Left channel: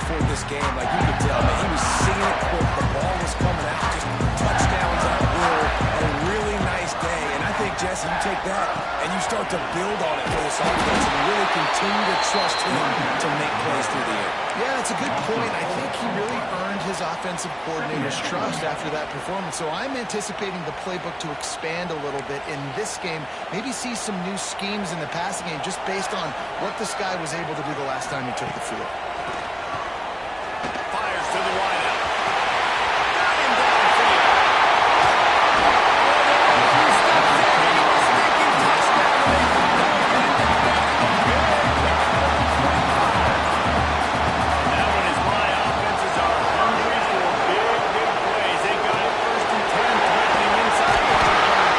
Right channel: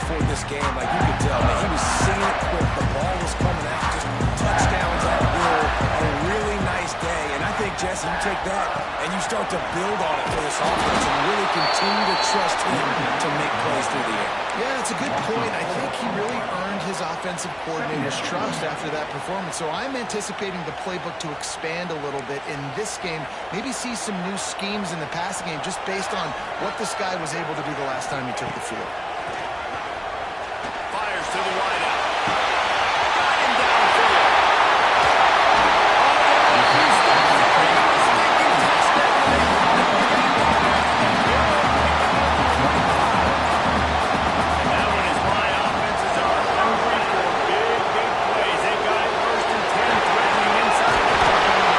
before this game, like you could tell, man, he was singing it quick. The ball was coming out, just touchdowns at will. A really nice day. And I think, Jesse, you take that and you start to build on it for this offense and really continue to trust him to make plays through the air. Yeah, that's a good point. I think he really earned his offensive coordinator's trust after that performance. So I'm anticipating the playbook to expand a little bit in this game. Maybe see some new schemes in the passing game just based on what this guy was able to do the last time he took the field. Fires to the wideout. Got him downfield. Oh, there were a few steps there. He was thinking touchdown. And they called him again. And now when his line offenses are hungry for big plays, they got it 1st and 10, threatening inside the 30.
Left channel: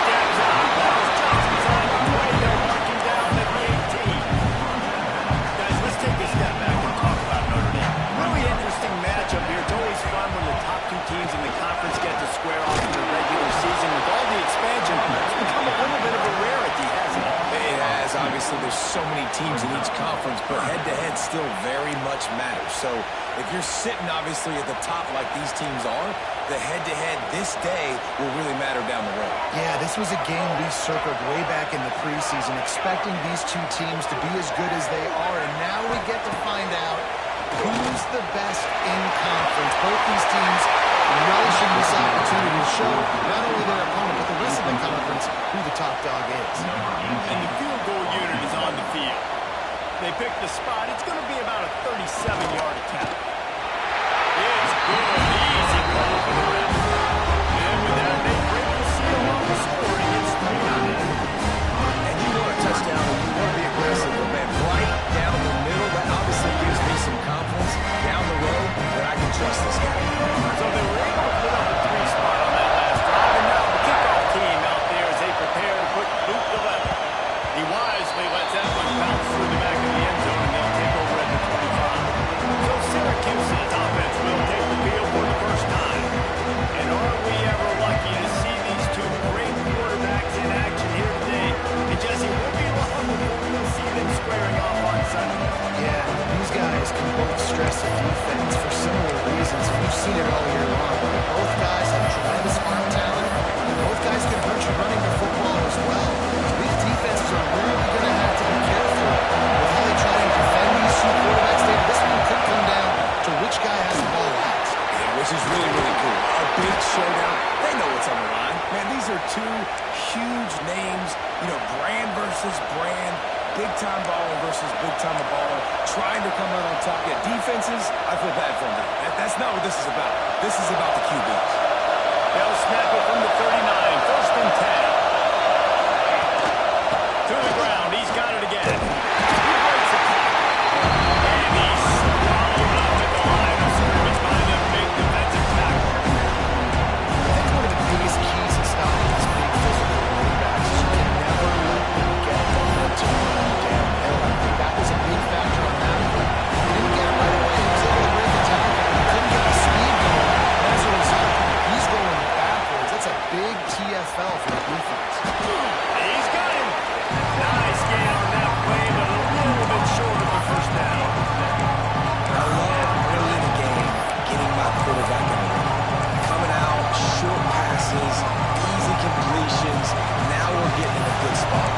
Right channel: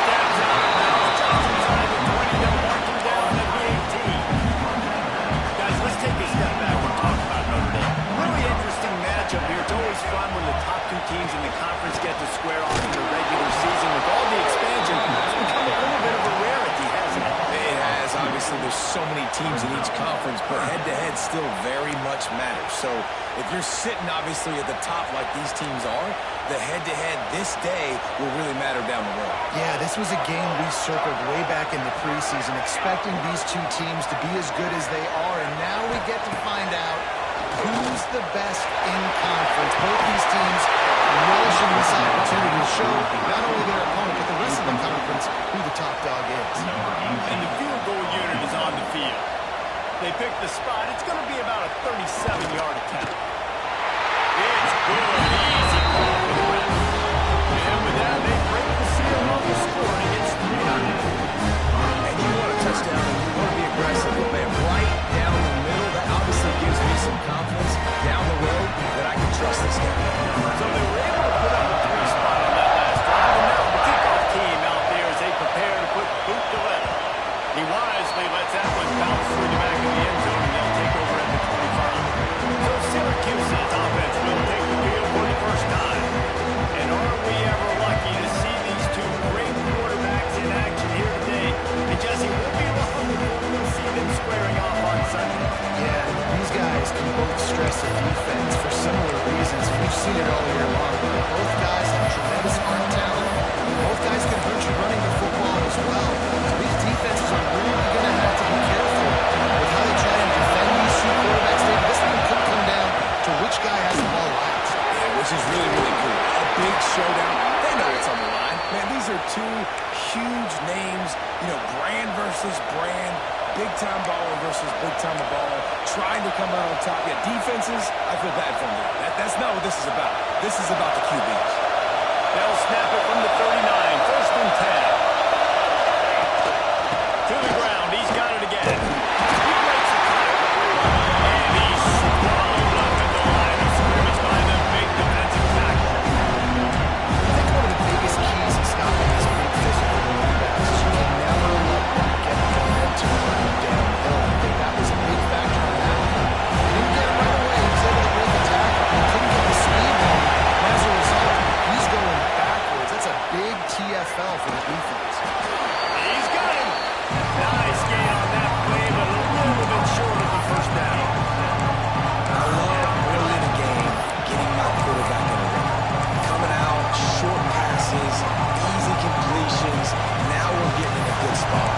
Steps out, bounce, jumps inside the 20. They'll mark him down at the 18. Guys, let's take a step back and talk about Notre Dame. Really interesting matchup here. It's always fun when the top two teams in the conference get to square off in the regular season. With all the expansion, it's become a little bit of a rarity, hasn't it? It has. Obviously, there's so many teams in each conference, but head-to-head still very much matters. So if you're sitting, obviously, at the top like these teams are, the head-to-head this day will really matter down the road. Yeah, this was a game we circled way back in the preseason, expecting these two teams to be as good as they are, and now we get to find out who's the best in conference. Both these teams relishing this opportunity to show not only their opponent, but the rest of the conference who the top dog is. And the field goal unit is on the field. They pick the spot. It's going to be about a 37-yard attempt. It's good. Easy call for the ref. And with that, they break the seal on the score, and it's 3-0. And you want a touchdown, and you want to be aggressive, but man, right down the middle, that obviously gives me some confidence down the road that I can trust this guy. So they were able to put up a 3 spot on that last drive, and now the kickoff team out there as they prepare to put boot to leather. He wisely lets that one bounce through the back of the end zone, and they'll take over at the 25. So Syracuse's offense will take the field for the first time. And are we ever lucky to see these two great quarterbacks in action here today? And Jesse, we'll be long before we'll see them squaring off on Sunday. Yeah, these guys can both stress the defense for similar reasons. We've seen it all year long. Both guys have tremendous arm talent. Both guys can hurt you running the football as well. So these defenses are really going to have to be careful with how they try and defend these two quarterbacks. David, this one could come down to which guy has the ball last. Yeah, which is really, really cool. A big showdown. They know what's on the line. Man, these are two huge names. You know, brand versus brand. Big-time baller versus big-time baller. Trying to come out on top. Yeah, defenses, I feel bad for them. That's not what this is about. This is about the QBs. They'll snap it from the 39. 1st and 10. To the ground. He's got it again. He breaks the tackle. And he's swallowed up at the line of scrimmage by the big defensive tackle. I think one of the biggest keys in stopping these big physical running backs is you can never let them get momentum running downhill. I think that was a big factor on that one. They didn't get him right away. He was able to break the tackle, but he couldn't get the speed going. And as a result, he's going backwards. That's a big TFL for the defense. He's got him. Nice gain on that play, but a little bit short of the first down. I love early in the game getting my quarterback in the ring. Coming out, short passes, easy completions. Now we're getting in a good spot.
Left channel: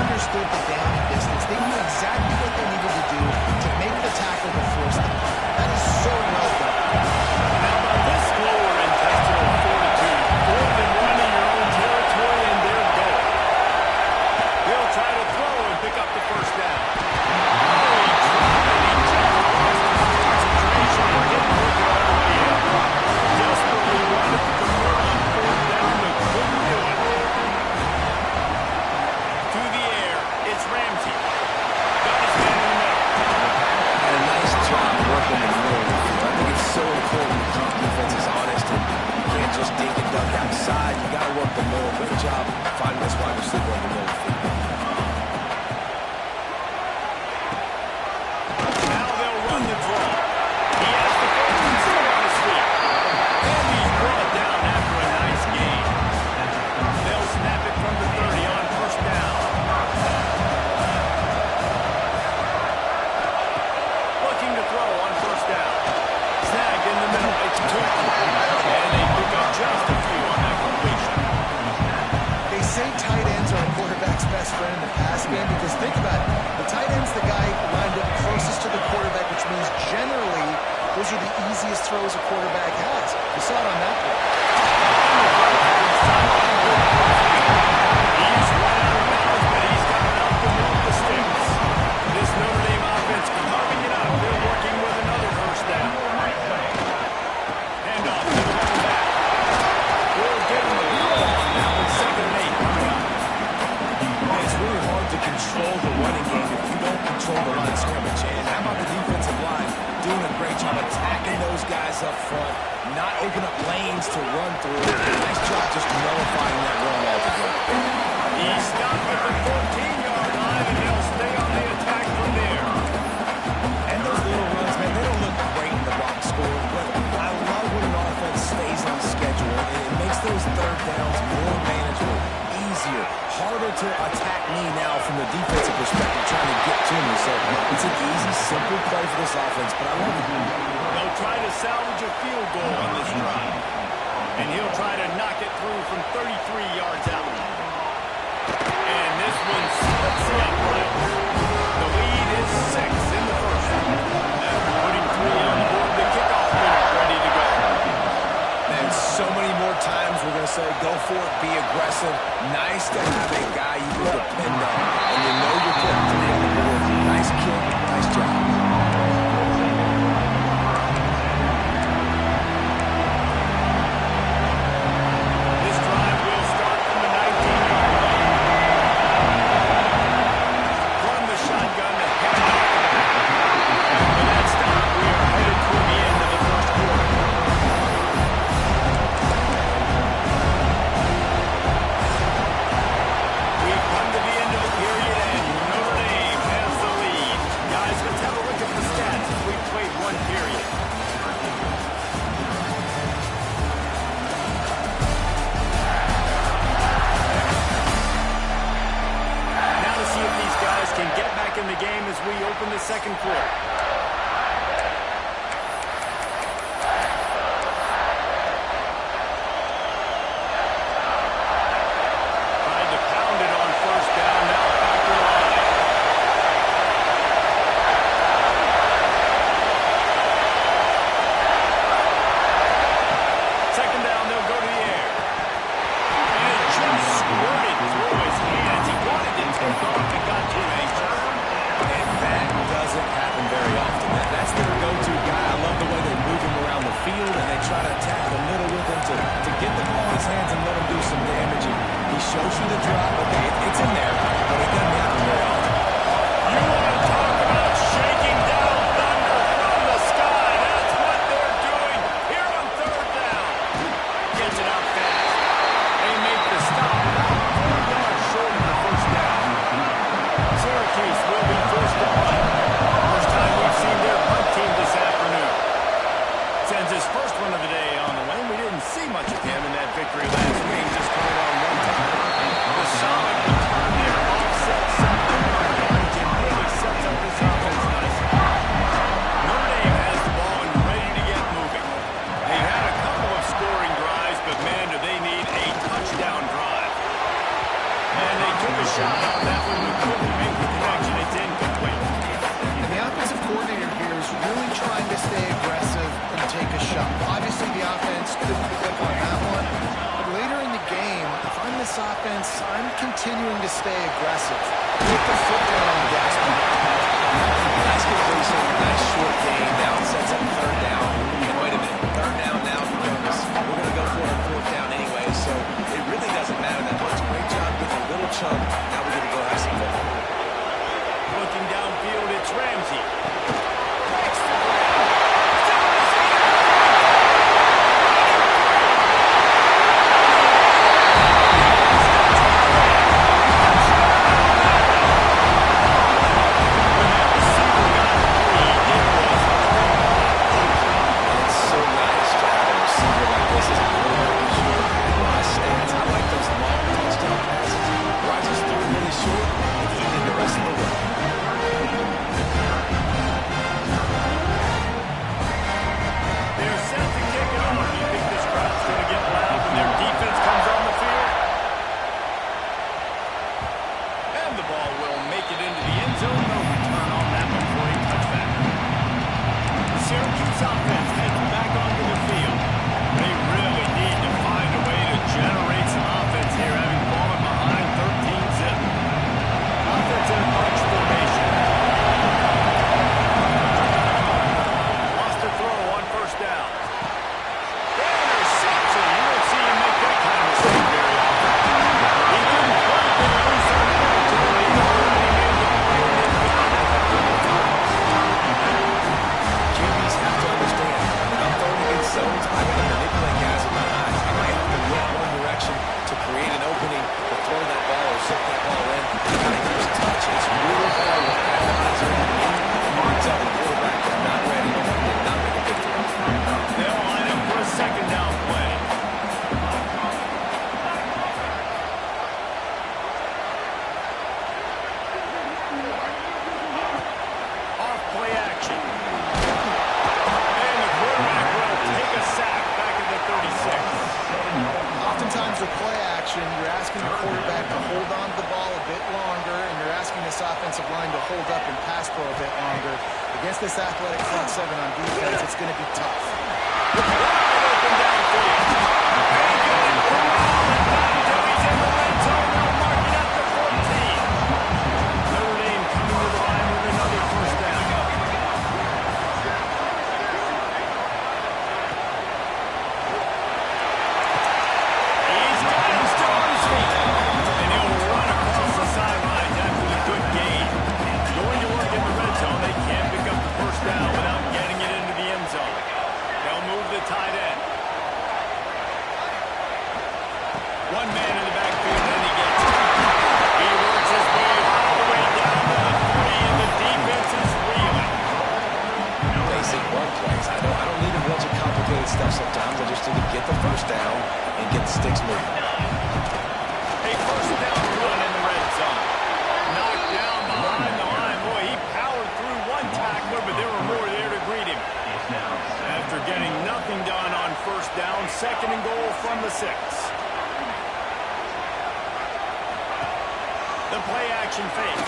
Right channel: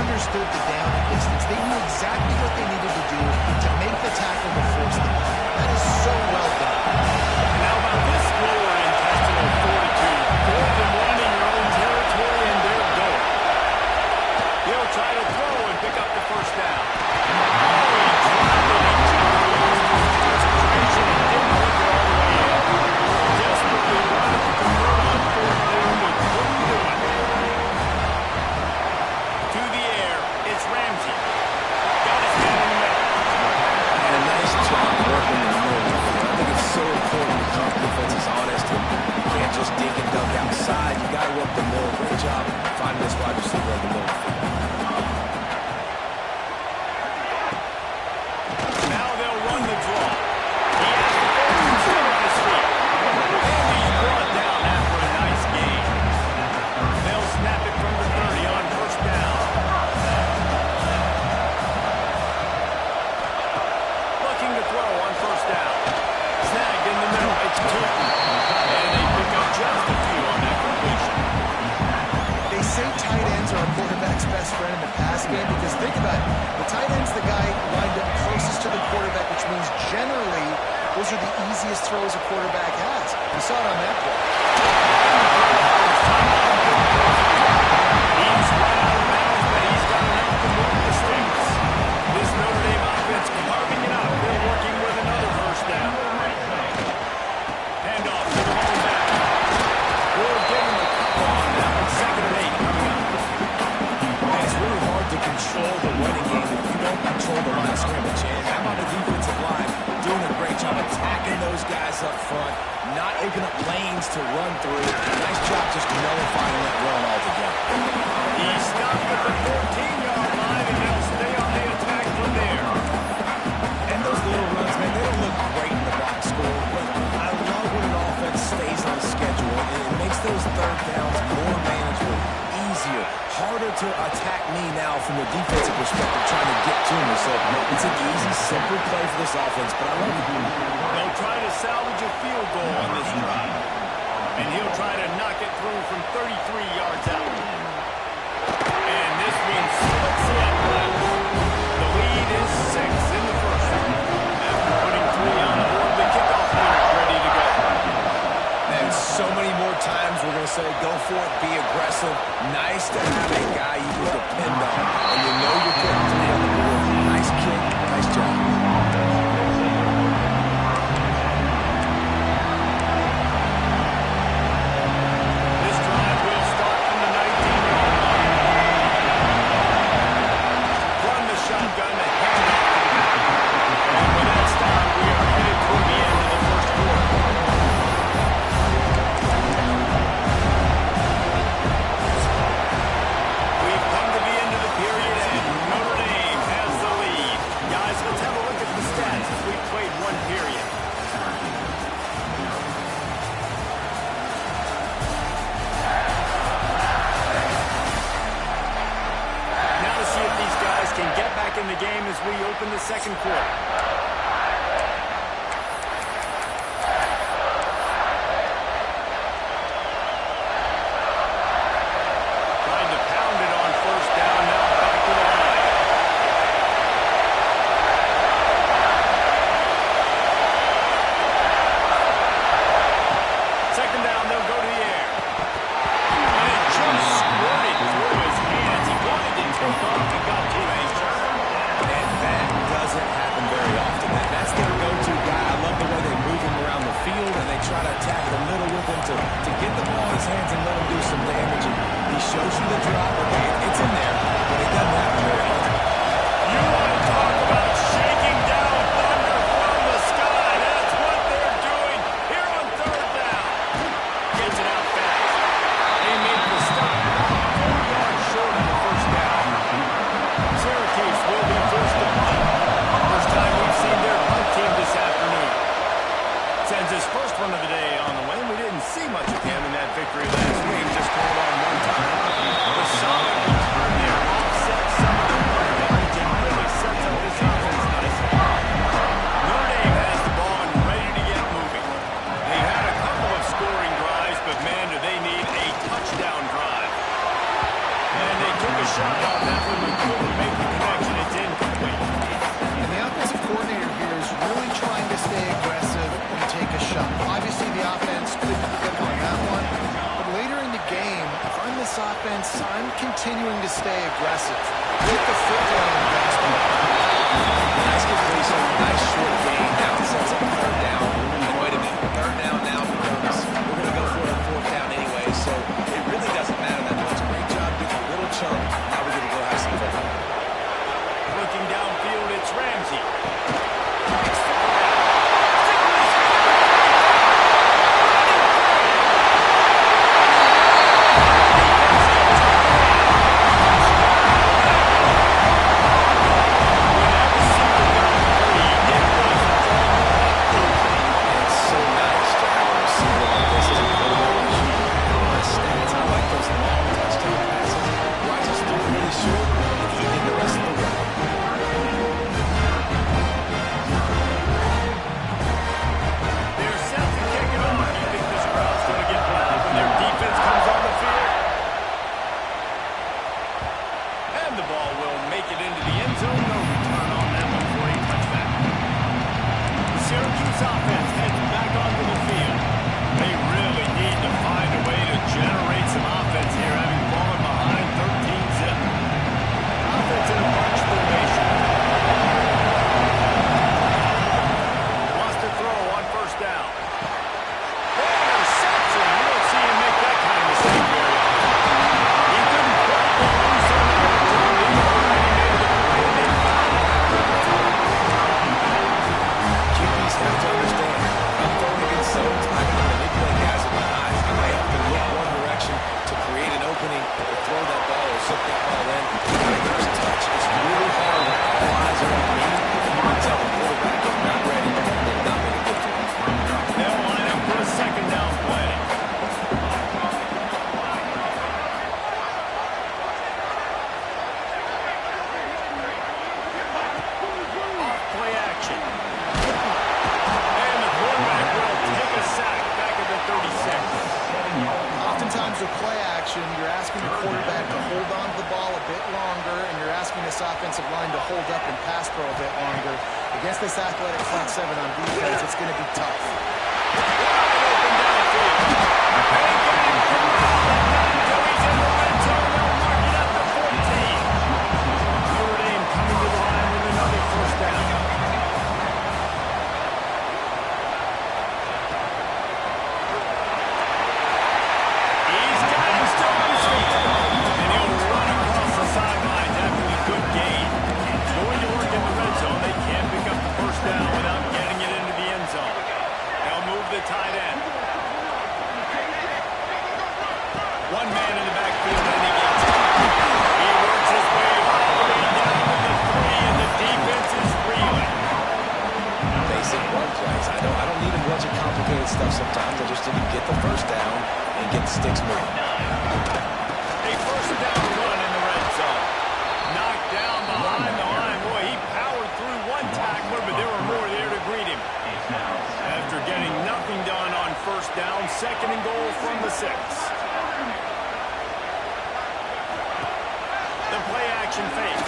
Understood the down and distance. They knew exactly what they needed to do to make the tackle to force the punt. That is so well done. And how about this lower intestinal fortitude? 4th and 1 in your own territory, and they're going. He'll try to throw and pick up the first down. Oh, he dropped it. He just lost his concentration and didn't look it all the way in. Desperately wanted to convert on 4th down, but couldn't do it. To the air, it's Ramsey. Got his man in the middle. And a nice job working in the middle of the field. I think it's so important the comp defense is honest, and you can't just dink and dunk outside. You got to work the middle. Great job finding this wide receiver in the middle of the field. Now they'll run the draw. He has the first and still on his feet. And he's brought down after a nice gain. They'll snap it from the 30 on first down. Looking to throw on first down. Snagged in the middle. It's Tootin. And they pick up just a few on that completion. They say tight ends are a quarterback's best friend in the pass game because think about it. The tight end's the guy lined up closest to the quarterback, which means generally those are the easiest throws a quarterback has. You saw it on that play. He's right out of bounds, but he's got enough to move the sticks. This Notre Dame offense carving it out. They're working with another first down. Handoff to the lone back. We'll give him a couple on that one. 2nd and 8 coming up. Man, it's really hard to control the running game if you don't control the line of scrimmage. And how about the defensive line doing a great job attacking those guys up front, not open up lanes to run through. Nice job just nullifying that run altogether. He stopped at the 14-yard line, and they'll stay on the attack from there. And those little runs, man, they don't look great in the box score, but I love when an offense stays on schedule, and it makes those third downs more manageable, easier, harder to attack me now from the defensive perspective trying to get to me. So it's an easy, simple play for this offense, but I love it. They'll try to salvage a field goal on this drive. And he'll try to knock it through from 33 yards out. And this one splits the uprights. The lead is 6 in the first. After putting 3 on the board, the kickoff unit ready to go. And so many more times we're going to say, go for it, be aggressive. Nice to have a guy you can depend on. And you know you're putting 3 on the board. Nice kick, nice job. This drive will start from the 19-yard line. Run the shotgun to hand off to the back. And with that stop, we are headed toward the end of the first quarter. We've come to the end of the period, and Notre Dame has the lead. Guys, let's have a look at the stats as we've played one period. Now to see if these guys can get back in the game as we open the second quarter. Tried to pound it on first down, now back to the line. Second down, they'll go to the air. And it just squirted through his hands. He wanted to take off and got too anxious. And that doesn't happen very often. That's their go-to guy. I love the way they move him around the field, and they try to attack the middle with him to get the ball in his hands and let him do some damage. And he shows you the drop. Okay, it's in there, but it doesn't happen very often. You want to talk about shaking down thunder from the sky. That's what they're doing here on third down. Gets it out fast. They make the stop about 4 yards short of the first down. Syracuse will be forced to punt. First time we've seen their punt team this afternoon. Sends his first one of the day on the way. We didn't see much of him in that victory last week. Just called on one time. The solid return there offsets some of the punt damage and really sets up this offense nicely. Notre Dame has the ball and ready to get moving. They've had a couple of scoring drives, but man, do they need a touchdown drive. And they took a shot on that one, but couldn't make the connection. It's incomplete. And the offensive coordinator here is really trying to stay aggressive and take a shot. Obviously, the offense couldn't click on that one. But later in the game, if I'm this offense, I'm continuing to stay aggressive. Get the foot down on the gas pedal. Nice completion, nice short gain. Now it sets up third down. And wait a minute, third down now becomes, we're going to go for it on fourth down anyway, so it really doesn't matter that much. Great job getting a little chunk. Now we get to go have some fun. Looking downfield, it's Ramsey. Breaks the ground. Still on his feet. Running free. Defense gets taken in. Touchdown. When that receiver got free, it was all over. It's so nice to have a receiver like this as a quarterback and shoot my stats. I like those long touchdown passes where I just threw it really short and he did the rest of the work. They're set to kick it off. You think this crowd's going to get loud when their defense comes on the field? And the ball will make it into the end zone. No return on that one for a touchback. The Syracuse offense heads back onto the field. They really need to find a way to generate some offense here, having fallen behind 13-zip. Offense in a bunch formation. Wants to throw on first down. Interception. You don't see him make that kind of mistake very often. He couldn't quite get loose on that return. He already made the play, and they've got it. QBs have to understand, when I'm throwing against zones, I got to manipulate guys with my eyes. I might have to look one direction to create an opening to throw that ball or zip that ball in. I got to use touch. It's really hard when all eyes are on me. You can tell the quarterback is not ready and did not make a good throw. They'll line up for a second down play. Off play action. And the quarterback will take a sack back at the 36. Oftentimes with play action, you're asking the quarterback to hold on to the ball a bit longer, and you're asking this offensive line to hold up and pass pro a bit longer. Against this athletic front seven on defense, it's going to be tough. Wide open downfield. They got him corralled, and not until he's in the red zone, they'll mark it up to 14. Notre Dame coming to the line with another first down. He's got him still on his feet. And he'll run across the sidelines after the good gain. Going to work in the red zone, they can't pick up the first down without getting it into the end zone. They'll move the tight end. One man in the backfield, and he gets it. He works his way all the way down to the 3, and the defense is reeling. Basic run plays. I don't need a bunch of complicated stuff sometimes. I just need to get the first down and get the sticks moving. A first down run in the red zone. Knocked down behind the line. Boy, he powered through one tackler, but there were more there to greet him. After getting nothing done on first down, second and goal from the 6. The play action fake.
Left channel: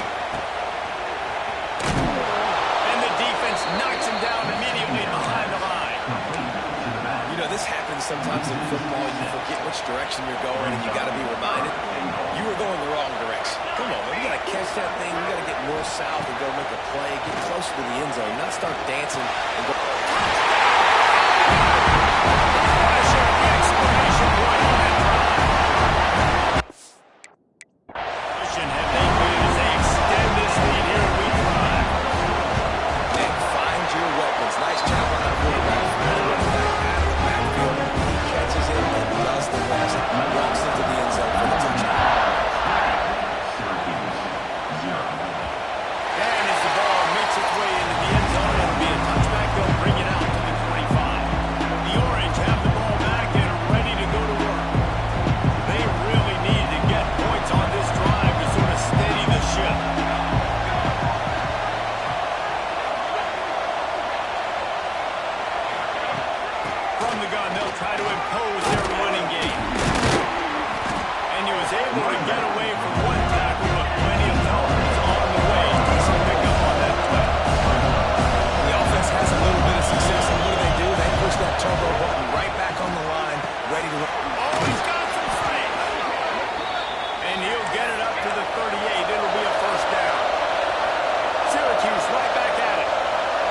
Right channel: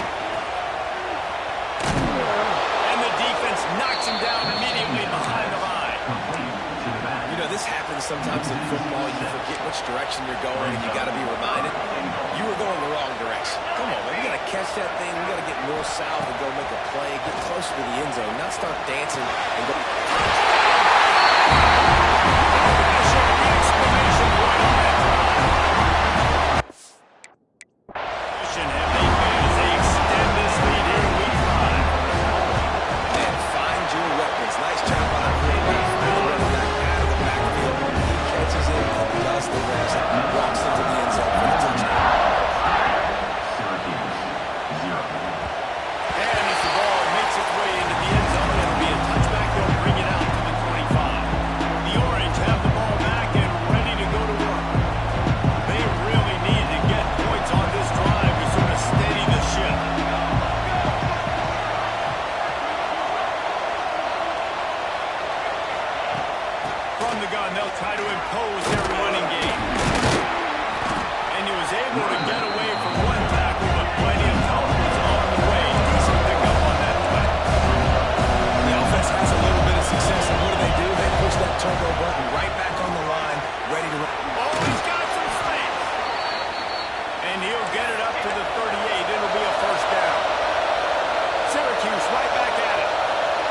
And the defense knocks him down immediately behind the line. You know, this happens sometimes in football. You forget which direction you're going, and you got to be reminded you were going the wrong direction. Come on, man. We got to catch that thing. We got to get north-south and go make a play, get closer to the end zone, not start dancing and go. Touchdown! Pressure, the exclamation point on that drive. Have they made as they extend this lead here in week 5. And find your weapons. Nice job on that quarterback. Finally running back out of the backfield. He catches it and does the rest. Walks into the end zone for the touchdown. Syracuse, 0. And as the ball makes its way into the end zone, it'll be a touchback. They'll bring it out to the 25. The Orange have the ball back and ready to go to work. They really need to get points on this drive to sort of steady the ship. From the gun, they'll try to impose their running game. And he was able to get away from one tackle, but plenty of help was on the way. Decent pickup on that play. The offense has a little bit of success, and what do? They push that turbo button right back on the line, ready to run. Oh, he's got some space. And he'll get it up to the 38. It'll be a first down. Syracuse right back at it.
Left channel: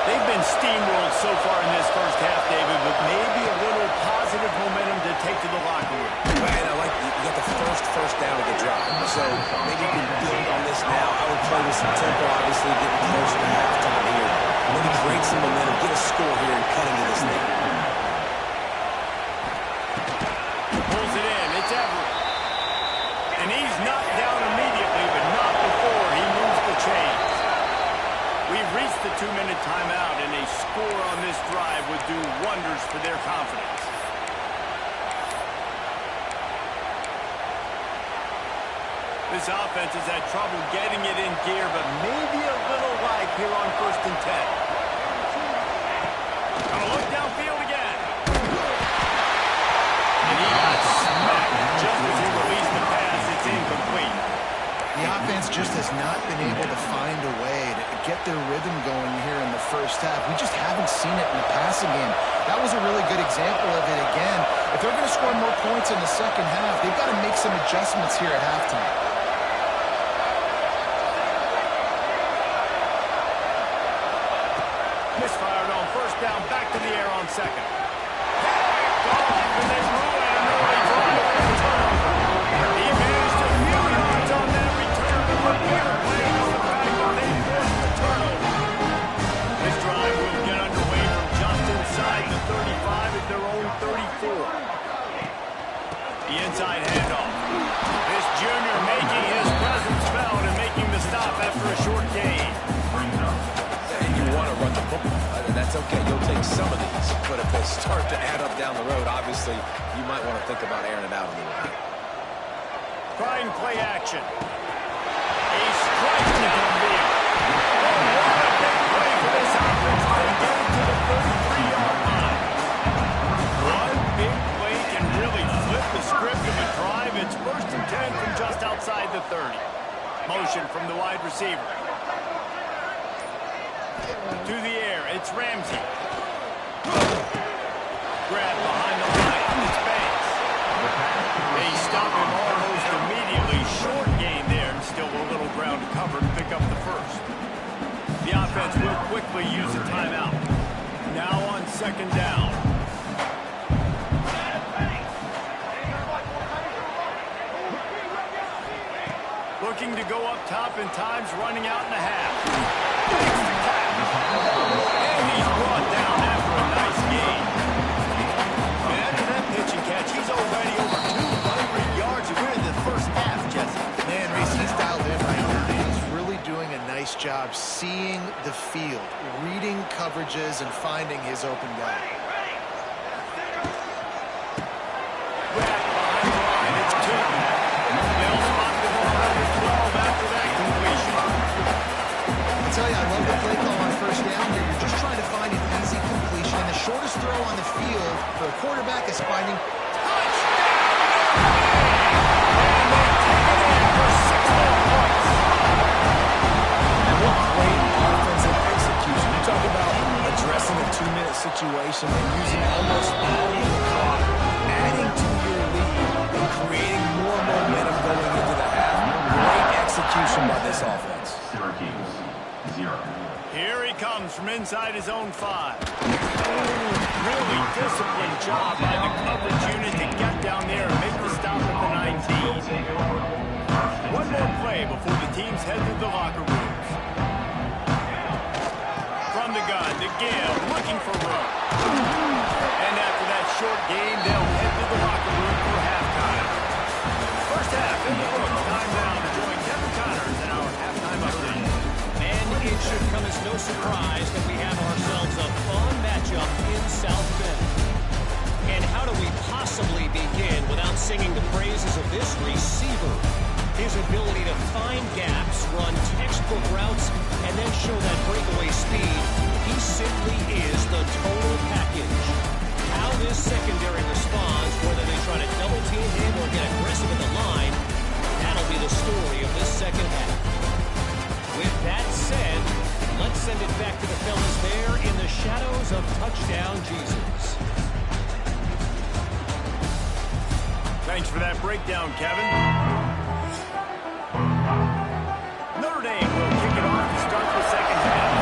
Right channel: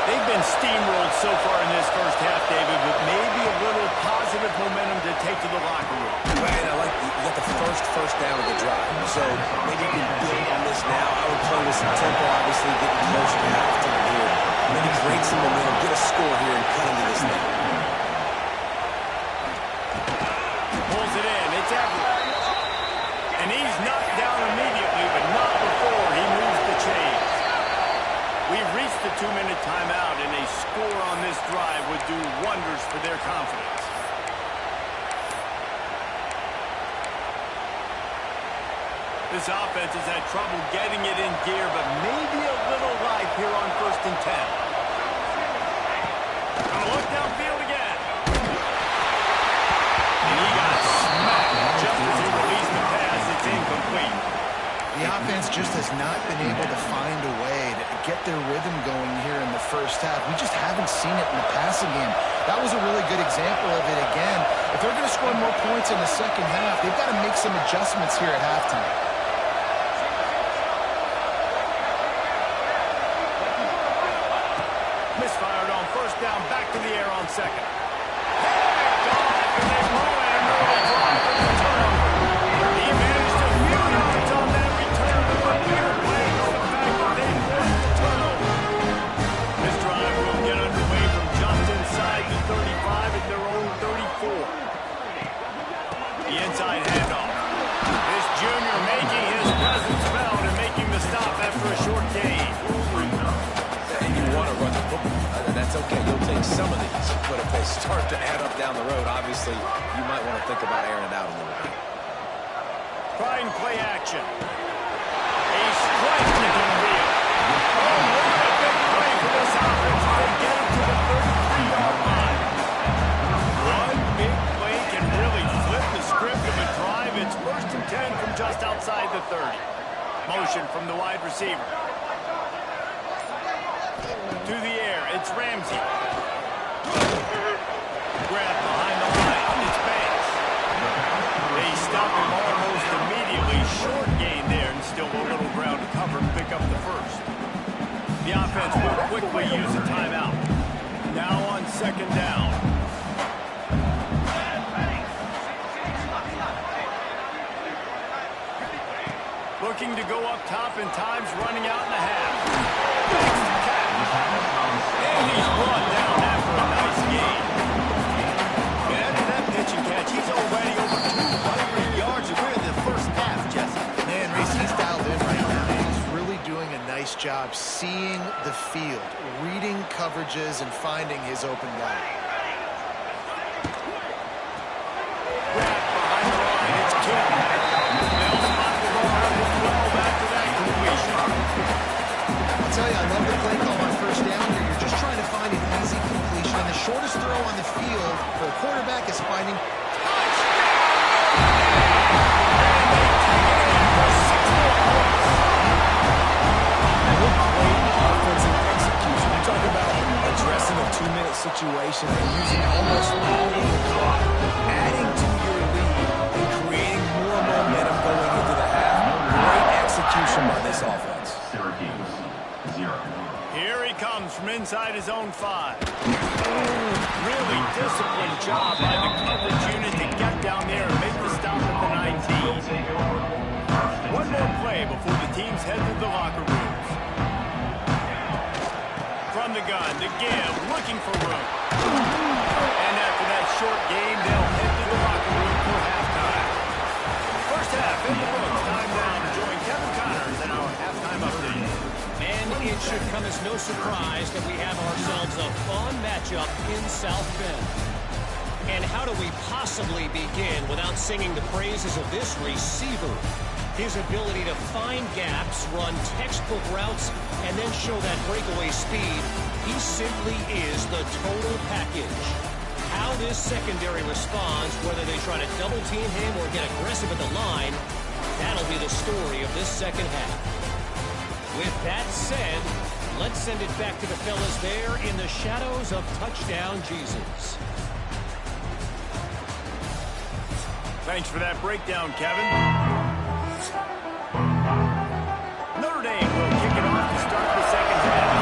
They've been steamrolled so far in this first half, David, but maybe a little positive momentum to take to the locker room. Well, and I like you got the first down of the drive. So maybe you can build on this now. I would play with some tempo, obviously getting closer to halftime here. Maybe create some momentum, get a score here, and cut into this thing. Pulls it in. It's Everett. And he's knocked down immediately, but not before he moves the chains. We've reached the 2-minute timeout, and a score on this drive would do wonders for their confidence. This offense has had trouble getting it in gear, but maybe a little life here on 1st and 10. Gonna look downfield again. And he got smacked just as he released the pass. It's incomplete. The offense just has not been able to find a way to get their rhythm going here in the first half. We just haven't seen it in the passing game. That was a really good example of it again. If they're going to score more points in the second half, they've got to make some adjustments here at halftime. Misfired on 1st down, back to the air on 2nd. Picked off, and they ruin an early drive with a turnover. He managed a few yards on that return, but the bigger play was the fact that they forced the turnover. This drive will get underway from just inside the 35 at their own 34. The inside handoff. This junior making his presence felt and making the stop after a short gain. And you want to run the football. That's okay. You'll take some of these. But if they start to add up down the road, obviously, you might want to think about airing it out a little bit. Trying play action. A strike downfield. Oh, what a big play for this offense. They get it to the 33-yard line. One big play can really flip the script of a drive. It's 1st and 10 from just outside the 30. Motion from the wide receiver. To the air, it's Ramsey. Grab behind the line, it's Banks. They stop him almost immediately. Short gain there, and still a little ground to cover to pick up the first. The offense will quickly use a timeout. Now on 2nd down. Looking to go up top, and time's running out in the half. Makes the catch. And he's brought down after a nice gain. And after that pitch and catch, he's already over 200 yards. And we're in the first half, Jesse. Man, Reese, he's dialed in right now. He's really doing a nice job seeing the field, reading coverages, and finding his open guy. Wrap behind the line. It's 2. They'll spot the ball under 12 after that completion. I'll tell you, I love the play call on 1st down here. You're just trying to find an easy completion, and the shortest throw on the field for a quarterback is finding Touchdown, Notre! And they take it in for 6 more points. And what great offensive execution. You talk about addressing a 2-minute situation and using almost all of the clock, adding to your lead and creating more momentum going into the half. Great execution by this offense. Syracuse, 0. Here he comes from inside his own 5. Really disciplined job by the coverage unit to get down there and make the stop at the 19. One more play before the teams head to the locker rooms. From the gun, to give, looking for room. And after that short game, they'll head to the locker room for halftime. First half in the books. Time now to join Kevin Connors in our halftime update. And it should come as no surprise that we have ourselves a fun matchup in South Bend. And how do we possibly begin without singing the praises of this receiver? His ability to find gaps, run textbook routes, and then show that breakaway speed. He simply is the total package. How this secondary responds, whether they try to double-team him or get aggressive at the line, that'll be the story of this second half. With that said, let's send it back to the fellas there in the shadows of Touchdown Jesus. Thanks for that breakdown, Kevin. Notre Dame will kick it off to start the second half.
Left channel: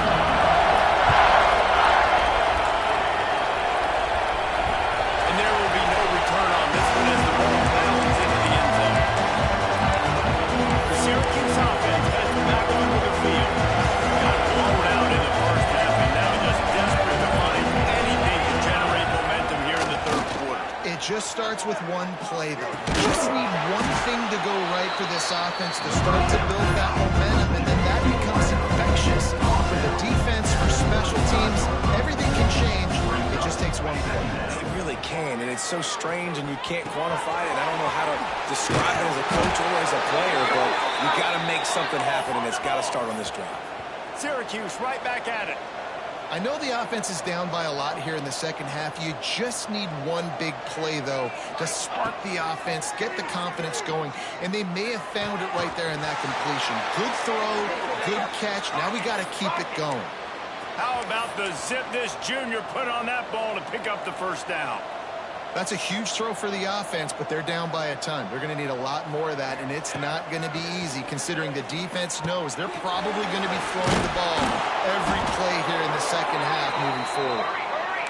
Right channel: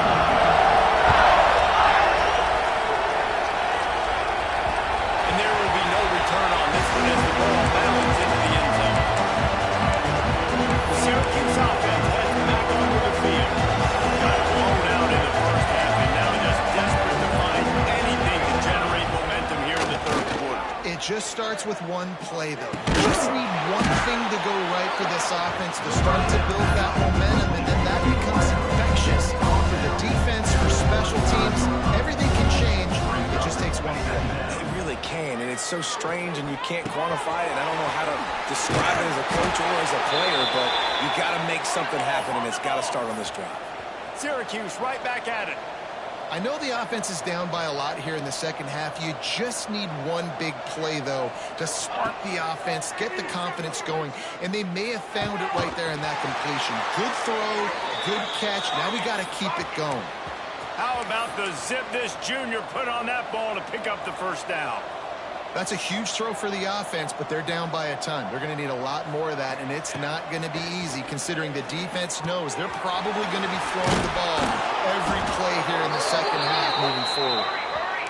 just starts with one play, though. You just need one thing to go right for this offense to start to build that momentum, and then that becomes infectious for the defense, for special teams. Everything can change. It just takes one play. It really can, and it's so strange, and you can't quantify it. I don't know how to describe it as a coach or as a player, but you got to make something happen, and it's got to start on this drive. Syracuse right back at it. I know the offense is down by a lot here in the second half. You just need one big play, though, to spark the offense, get the confidence going, and they may have found it right there in that completion. Good throw, good catch. Now we got to keep it going. How about the zip this junior put on that ball to pick up the first down? That's a huge throw for the offense, but they're down by a ton. They're going to need a lot more of that, and it's not going to be easy considering the defense knows they're probably going to be throwing the ball every play here in the second half moving forward.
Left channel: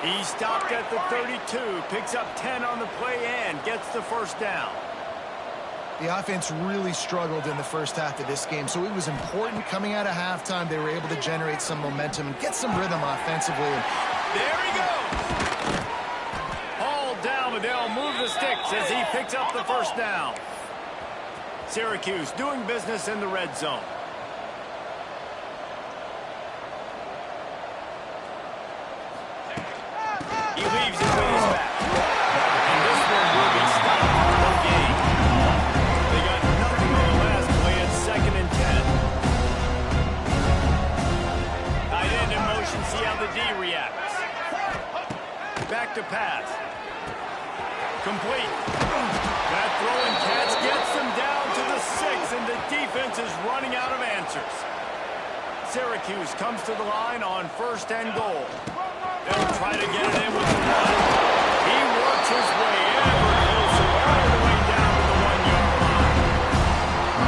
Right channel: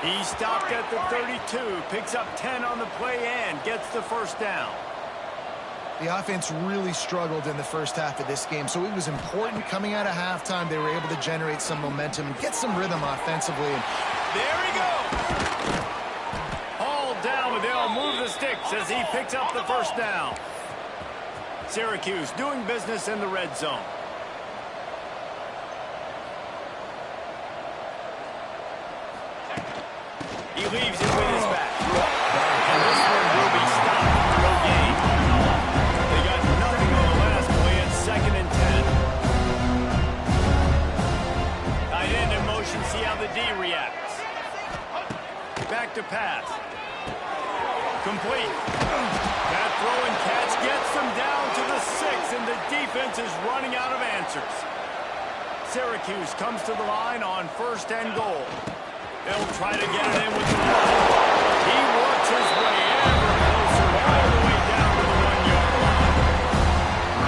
He stopped at the 32, picks up 10 on the play and gets the first down. The offense really struggled in the first half of this game, so it was important coming out of halftime. They were able to generate some momentum and get some rhythm offensively. There he goes. Down, but they'll move the sticks as he picks up the first down. Syracuse doing business in the red zone. He leaves it with his back. And this one will be stopped for no gain. They got nothing on the last play at 2nd and 10. Tight end in motion, see how the D reacts. Back to pass. Complete. That throw and catch gets them down to the 6, and the defense is running out of answers. Syracuse comes to the line on 1st and goal. They'll try to get it in with the run. He works his way ever closer all the way down to the 1-yard line.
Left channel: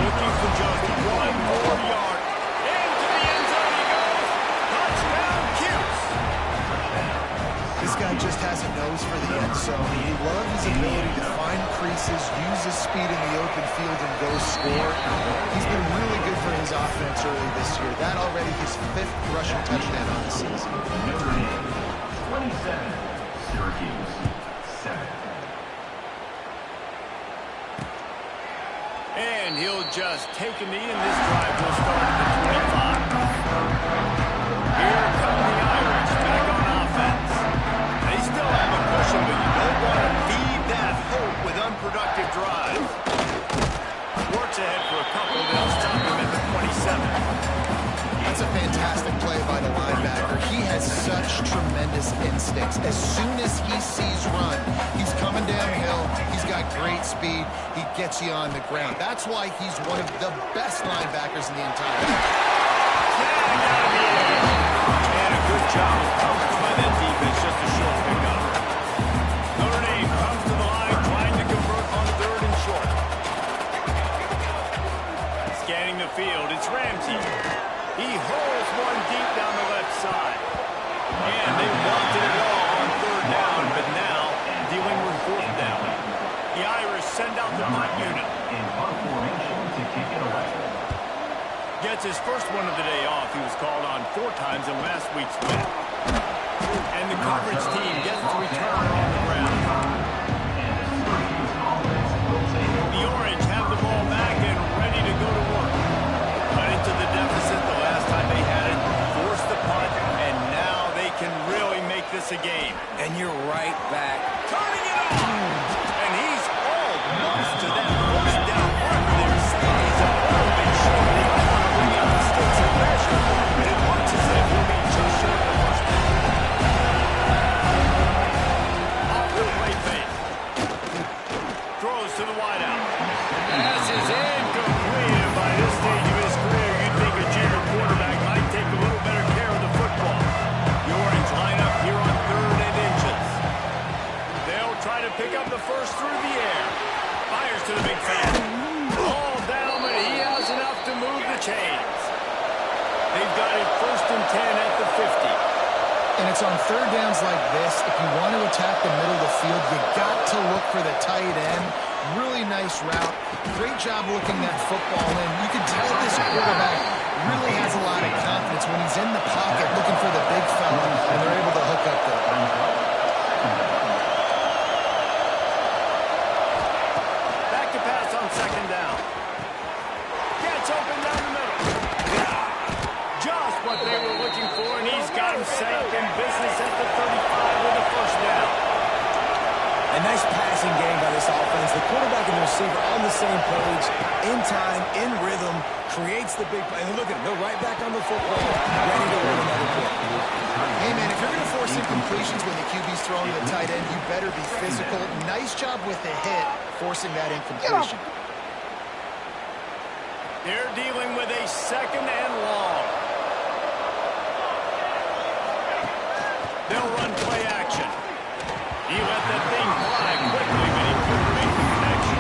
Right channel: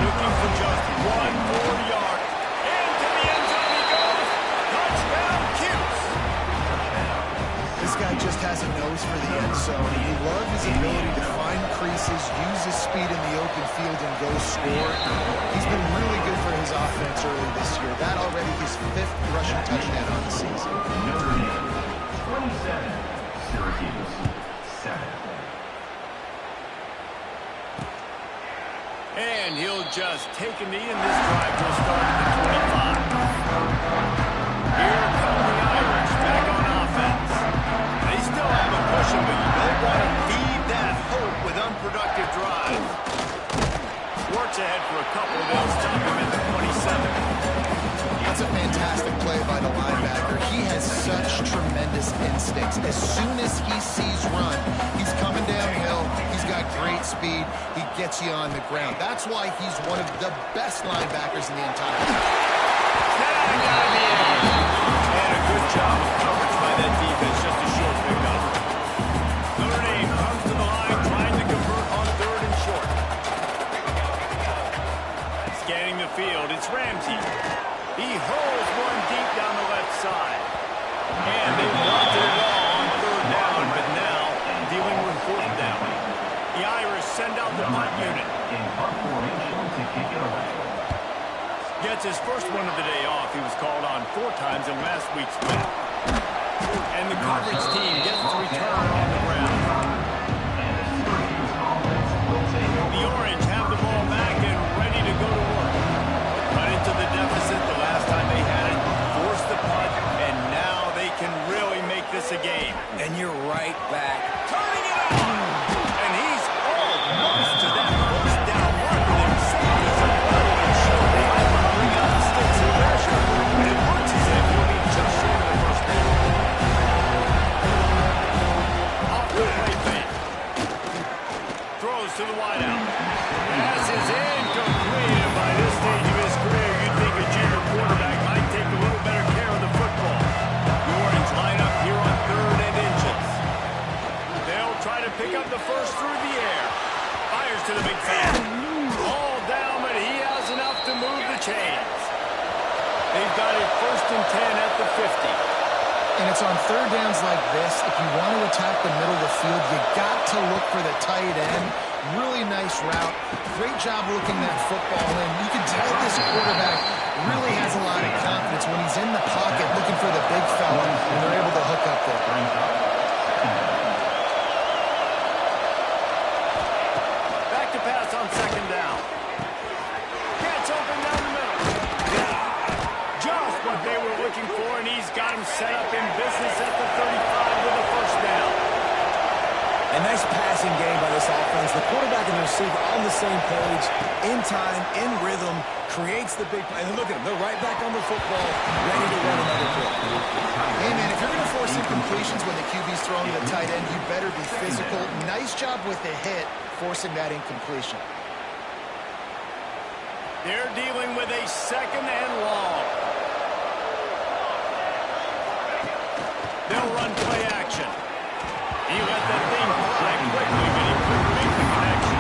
Looking for just one more yard. Into the end zone he goes. Touchdown, Cuse. This guy just has a nose for the end zone. You love his ability to find creases, use his speed in the open field, and go score. He's been really good for his offense early this year. That already his 5th rushing touchdown on the season. Notre Dame, 27. Syracuse, 7. And he'll just take a knee, and this drive will start at the 25. Here come the Irish back on offense. They still have a cushion, but you don't want to feed that hope with unproductive drives. Works ahead for a couple. They'll stop him at the 27. That's a fantastic play by the linebacker. He has such tremendous instincts. As soon as he sees run, he's coming downhill. He's got great speed. He gets you on the ground. That's why he's one of the best linebackers in the entire league. Snagged out of the air. And a good job of coverage by that defense. Just a short pickup. Notre Dame comes to the line trying to convert on 3rd and short. Scanning the field, it's Ramsey. He hurls one deep down the left side. And they wanted it all on 3rd down, but now dealing with 4th down. The Irish send out the punt unit. In punt formation to kick it away. Gets his first one of the day off. He was called on 4 times in last week's win. And the coverage team gets the return on the ground. The Orange have the ball back and ready to go to work. Cut into the deficit the last time they had it, forced the punt, and now they can really make this a game. And you're right back. Turning it on! And he's almost to that first down marker there. He's a little bit short. They might want to bring out the sticks and pressure, but it looks as if he'll be just short of the first down. Off the play fake. Throws to the wideout. Pass is incomplete, and by this stage of his career, you'd think a junior quarterback might take a little better care of the football. The Orange line up here on 3rd and inches. They'll try to pick up the first through the air. Fires to the big fan. All down, but he has enough to move the chains. They've got it 1st and 10 at the 50. And it's on 3rd downs like this. If you want to attack the middle of the field, you got to look for the tight end. Really nice route. Great job looking that football in. You can tell this quarterback really has a lot of confidence when he's in the pocket looking for the big fella, and they're able to hook up there. they were looking for, and he's got him set up in business at the 35 with a first down. A nice passing game by this offense. The quarterback and the receiver on the same page, in time, in rhythm, creates the big play. And look at them. They're right back on the football, ready to run another play. Hey, man, if you're going to force incompletions when the QB's throwing to the tight end, you better be physical. Nice job with the hit, forcing that incompletion. They're dealing with a second and long. They'll run play action. He let that thing fly quickly, but he couldn't make the connection.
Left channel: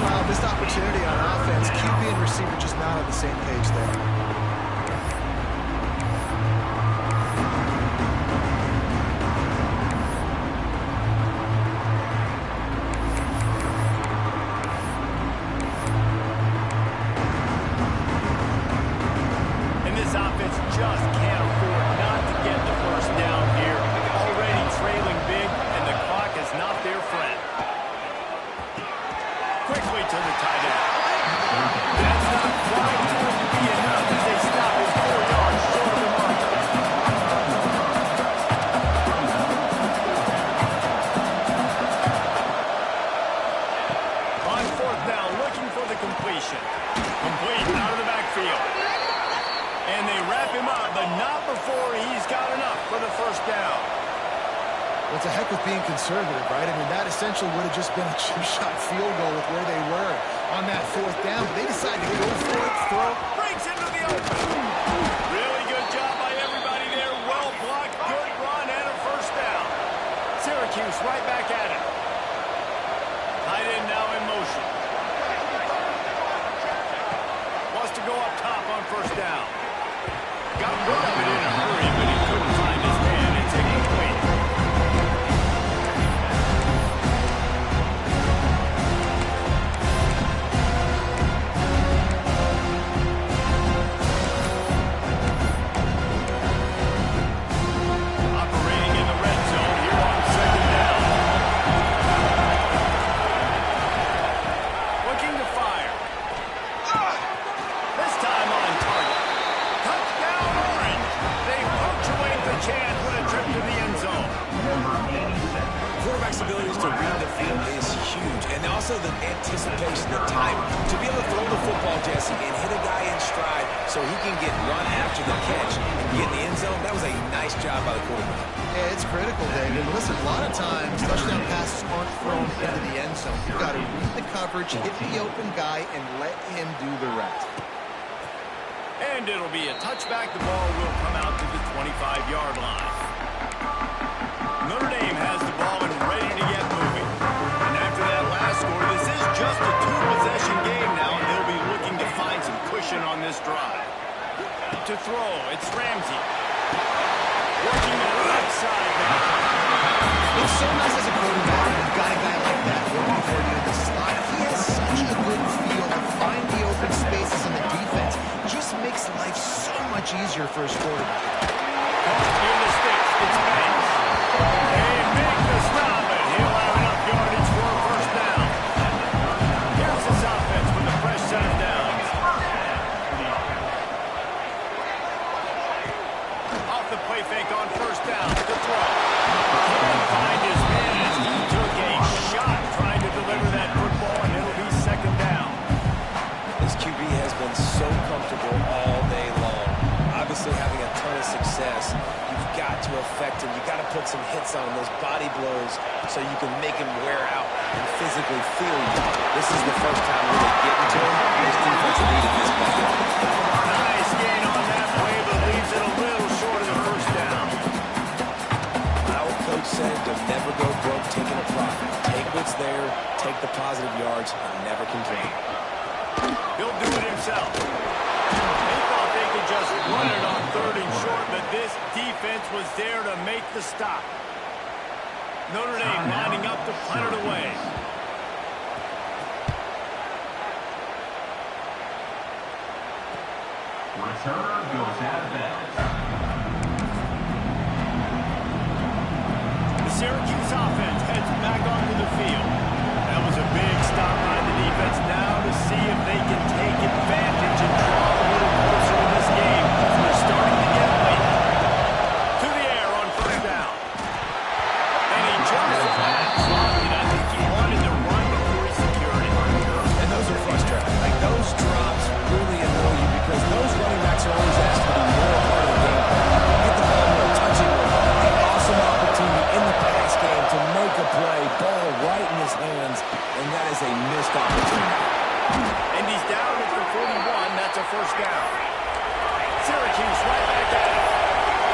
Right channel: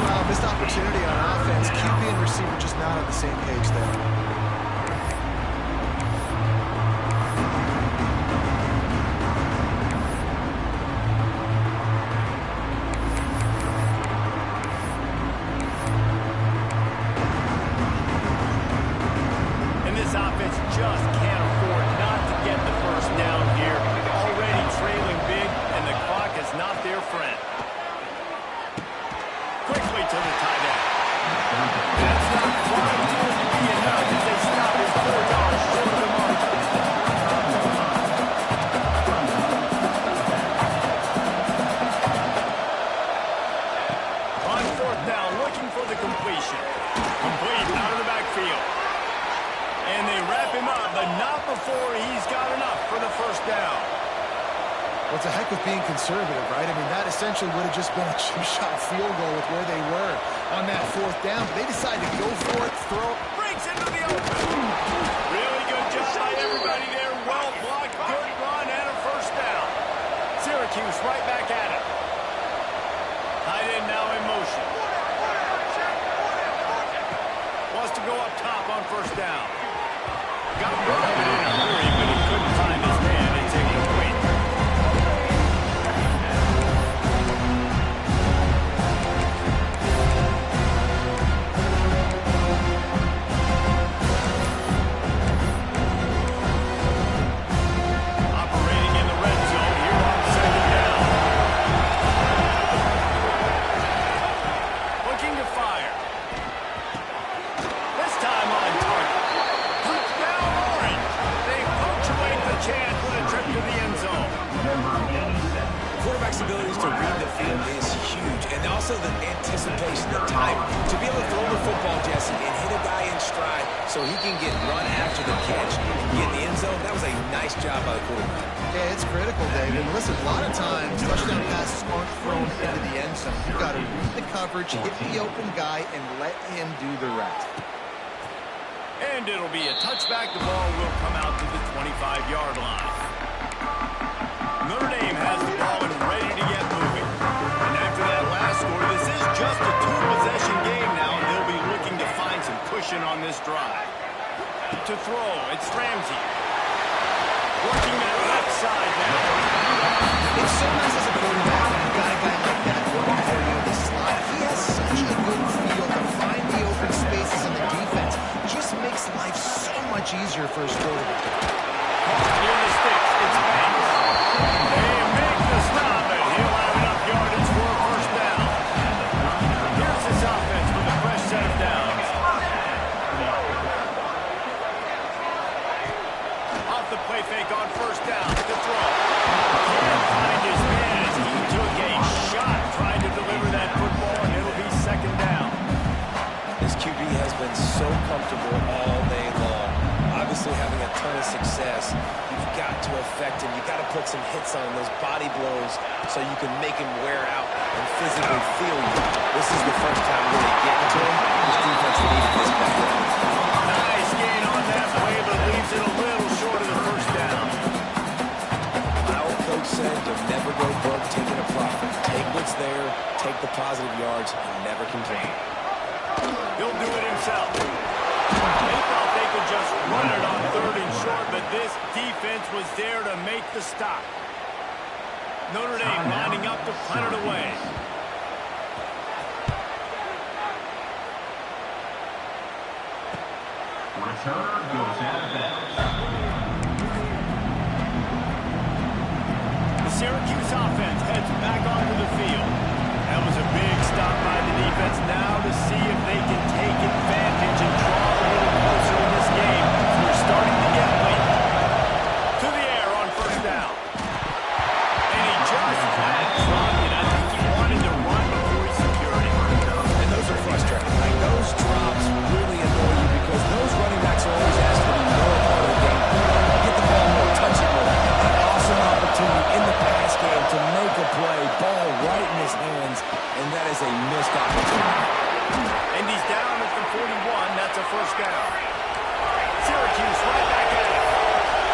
Well, missed opportunity on offense. QB and receiver just not on the same page there. And this offense just can't afford not to get the first down here. Already trailing big, and the clock is not their friend. Quickly to the tight end. That's not quite going to be enough as they stop him 4 yards short of the marker. On fourth down, looking for the completion. Complete out of the backfield. And they wrap him up, but not before he's got enough for the first down. What's the heck with being conservative, right? I mean, that essentially would have just been a chip-shot field goal with where they were on that fourth down, but they decided to go for it, throw it. Breaks into the open. Really good job by everybody there. Well blocked, good run, and a first down. Syracuse right back at it. Tight end now in motion. Wants to go up top on first down. Got rid of it in a hurry, but he couldn't find his man. It's incomplete. Operating in the red zone here on second down. Looking to fire. This time on target. Touchdown Orange. They punctuate the chance with a trip to the end zone. Quarterback's abilities to read the field is huge, and also the anticipation, the time to be able to throw the football, Jesse, and hit a guy in stride so he can get run after the catch and get in the end zone. That was a nice job by the quarterback. Yeah, it's critical, David. Listen, a lot of times, touchdown passes aren't thrown into the end zone. You've got to read the coverage, hit the open guy, and let him do the rest. And it'll be a touchback. The ball will come out to the 25-yard line. Notre Dame has the ball and ready to get moving. And after that last score, this is just a two-possession game now, and they'll be looking to find some cushion on this drive. To throw, it's Ramsey. Working that left side now. It's so nice as a quarterback when you've got a guy like that working for you in the slot. He has such a good feel to find the open spaces in the defense. Just makes life so much easier for his quarterback. Caught near the sticks. It's Banks. They make the stop, and he'll have enough yardage for a first down. Here's this offense with a fresh set of downs. Off the play fake on first down to throw. Can't find his man as he took a shot trying to deliver that football, and it'll be second down. This QB has been so comfortable all day long. Obviously having a ton of success. You've got to affect him. You've got to put some hits on him, those body blows, so you can make him wear out and physically feel you. This is the first time really getting to him. This defense needed this back. Nice gain on that play, but leaves it a little short of the first down. My old coach said, you'll never go broke taking a profit. Take what's there, take the positive yards, and never complain. He'll do it himself. They thought they could just run it on third and short, but this defense was there to make the stop. Notre Dame lining up to punt it away. Returner goes out of bounds. The Syracuse offense heads back onto the field. That was a big stop by the defense. Now to see if they can take advantage and draw a little closer in this game. We're starting to get ball right in his hands, and that is a missed opportunity. And he's down at the 41. That's a first down. Syracuse right back at it.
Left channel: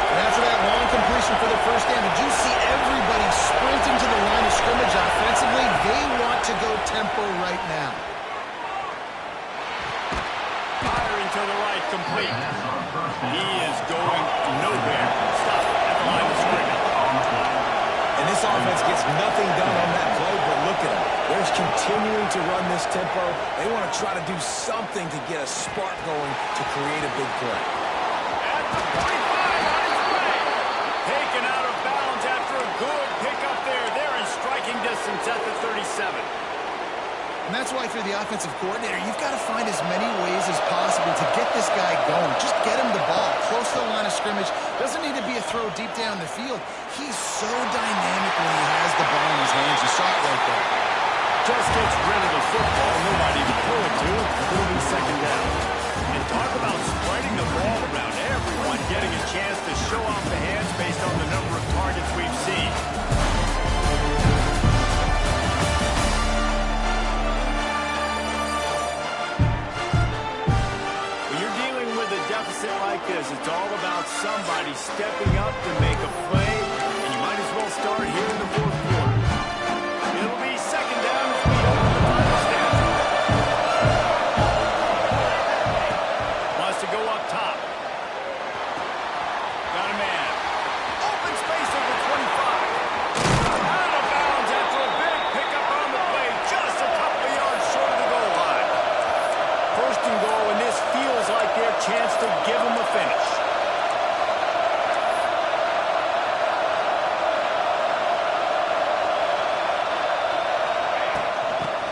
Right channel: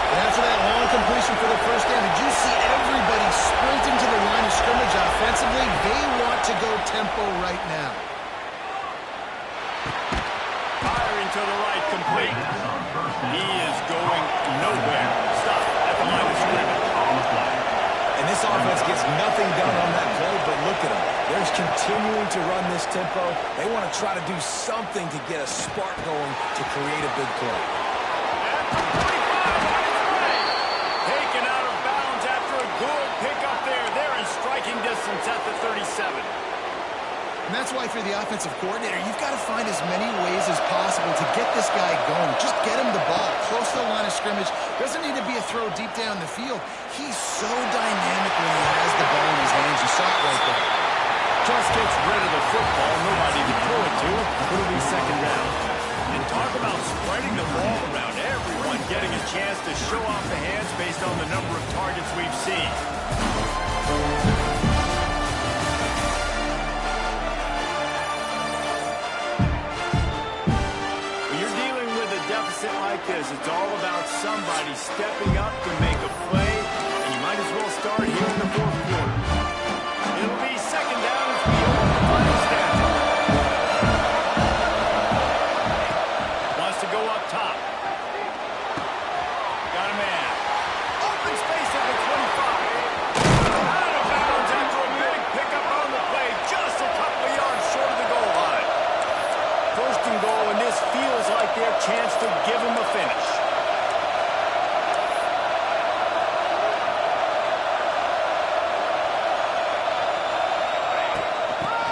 And after that long completion for the first down, did you see everybody sprinting to the line of scrimmage offensively? They want to go tempo right now. Firing to the right, complete. He is going nowhere. Stop at the line of scrimmage. And this offense gets nothing done on that play, but look at them. They're continuing to run this tempo. They want to try to do something to get a spark going to create a big play. At the 45 on his way. Taken out of bounds after a good pickup there. They're in striking distance at the 37. And that's why, if you're the offensive coordinator, you've got to find as many ways as possible to get this guy going. Just get him the ball close to the line of scrimmage. Doesn't need to be a throw deep down the field. He's so dynamic when he has the ball in his hands. You saw it right there. Just gets rid of the football. Nobody to throw it to. It'll be second down. And talk about spreading the ball around. Everyone getting a chance to show off the hands based on the number of targets we've seen. Deficit like this, it's all about somebody stepping up to make a play, and you might as well start here in the fourth quarter. It'll be second down as we open the final stanza. Wants to go up top. Got a man. Open space at the 25. Out of bounds after a big pickup on the play, just a couple of yards short of the goal line. First and goal, and this feels like their chance to give them a finish.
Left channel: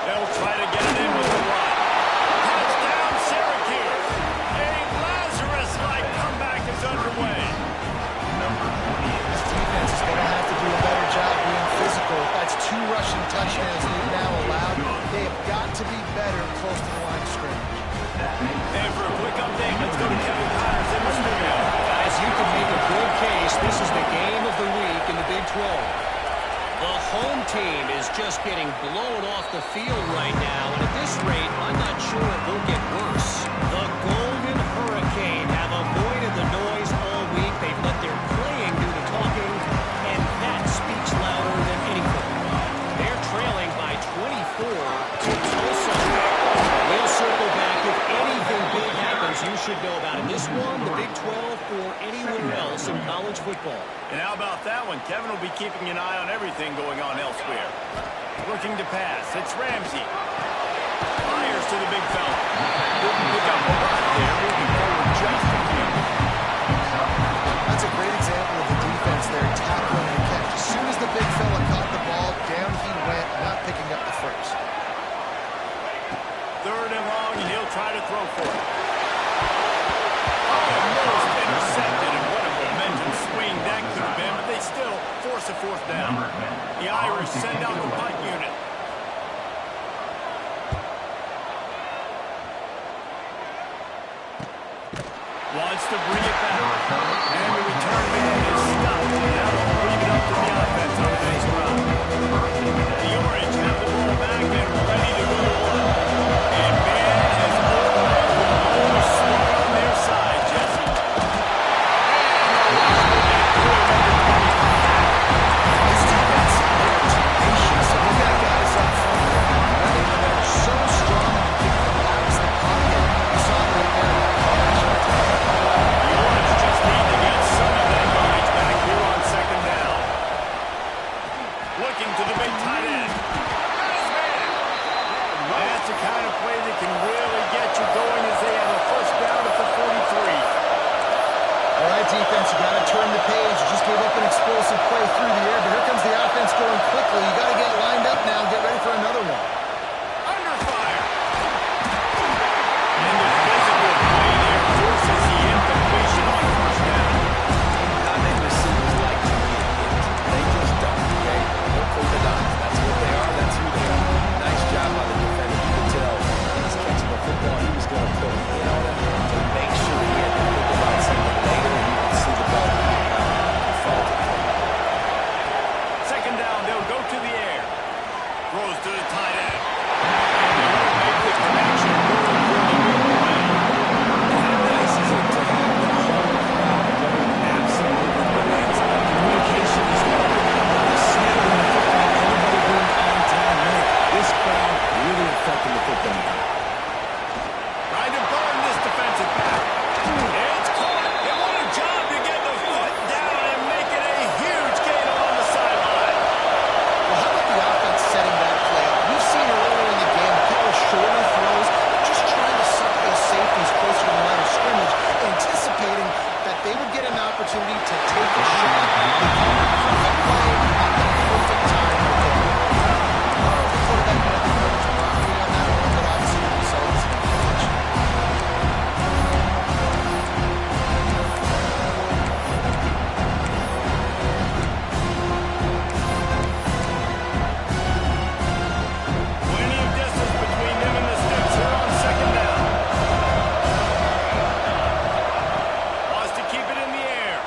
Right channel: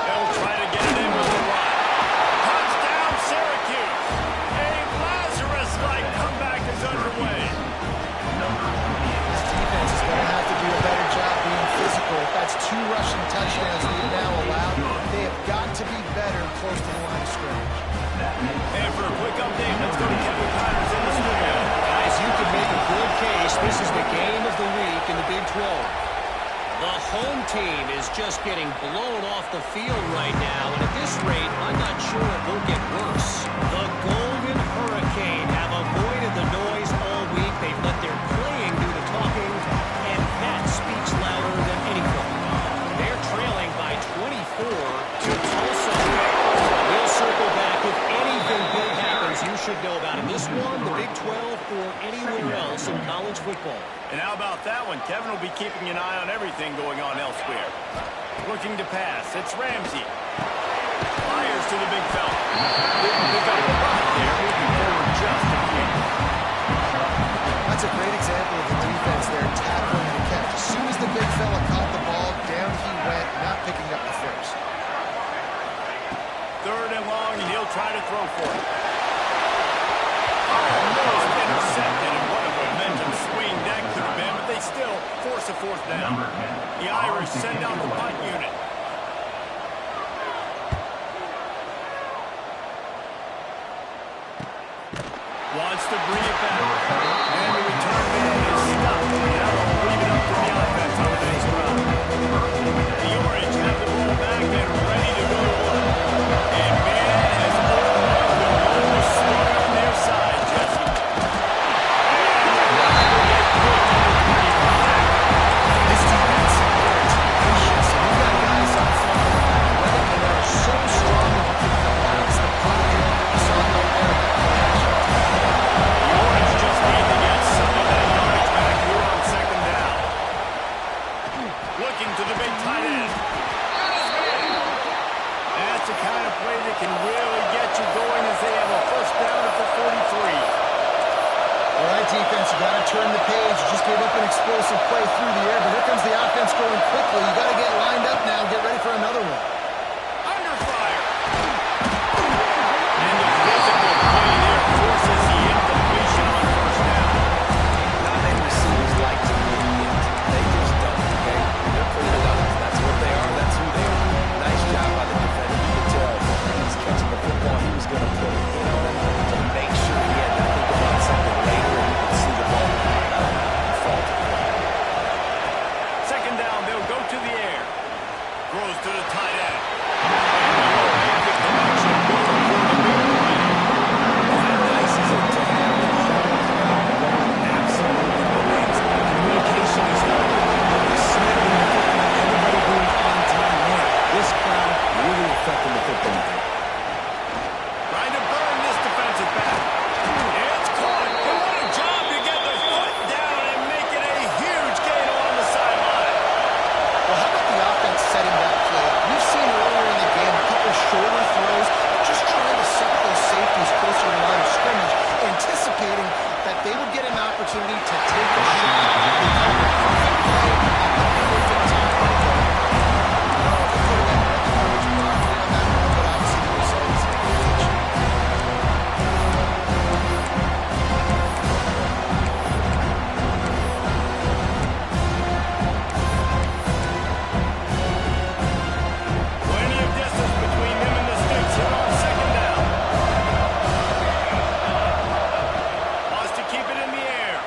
They'll try to get it in with the run. Touchdown, Syracuse. A Lazarus-like comeback is underway. This defense is going to have to do a better job being physical. That's 2 rushing touchdowns they've now allowed. They have got to be better close to the line of scrimmage. And for a quick update, let's go to Kevin Connors in the studio. Guys, you can make a good case. This is the game of the week in the Big 12. The home team is just getting blown off the field right now, and at this rate, I'm not sure it won't get worse. The Golden Hurricane have avoided the noise all week. They've let their playing do the talking, and that speaks louder than anything. They're trailing by 24 to Tulsa. We'll circle back if anything big happens you should know about it. This one, the Big 12, or anywhere else in college football. And how about that one? Kevin will be keeping an eye on everything going on elsewhere. Looking to pass. It's Ramsey. Fires to the big fella. Didn't pick up a lot there. Moving forward just a few. That's a great example of the defense there, tackling the catch. As soon as the big fella caught the ball, down he went, not picking up the first. Third and long, and he'll try to throw for it. Almost intercepted, and what a momentum swing that could have been, but they still force a fourth down. The Irish send out the punt unit. Wants to bring it back. And the return man is stuck. Now they'll leave it up to the offense on the next round. The Orange have the ball back and ready to go to work. And man has almost swung on their side, Jesse. And the rush will get through him into 25. This defense, they're tenacious, and we've got guys up front that are athletic and that are so strong and can collapse the pocket. You saw it right there in that play action. The Orange just need to get some of that yardage back here on second down. Looking to the big tight end. Got his man. That's the kind of play that can really get you going as they have a first down at the 43. All right, defense, you got to turn the page. You just gave up an explosive play through the air, but here comes the offense going quickly. You got to get lined up now and get ready for another one. Under fire. And the physical play there forces the incompletion on first down. Not many receivers like to get hit. They just don't, okay? They're prima-donnas. That's what they are. That's who they are. Nice job by the defender. You could tell when he's catching the football, he was going to put a hit on him to make sure he had to think about something later, and you could see the ball fall to the ground. Second down, they'll go to the air. Throws to the tight end. And he will make the connection going for the big play. How nice is it to have the whole crowd going absolutely bananas? Communication is hard. The snapping the football, everybody being on time. Man, this crowd really affecting the football game. Trying to burn this defensive back. It's caught. And what a job to get the foot down and make it a huge gain along the sideline. Well, how about the offense setting that play up? We've seen earlier in the game a couple of shorter throws, just trying to suck those safeties closer to the line of scrimmage, anticipating that they would get an opportunity to take a shot. They called the perfect play at the perfect time right there. I don't know if the quarterback met the coverage properly on that one, but obviously the result is an advantage. Plenty of distance between them and the sticks here on second down. Wants to keep it in the air.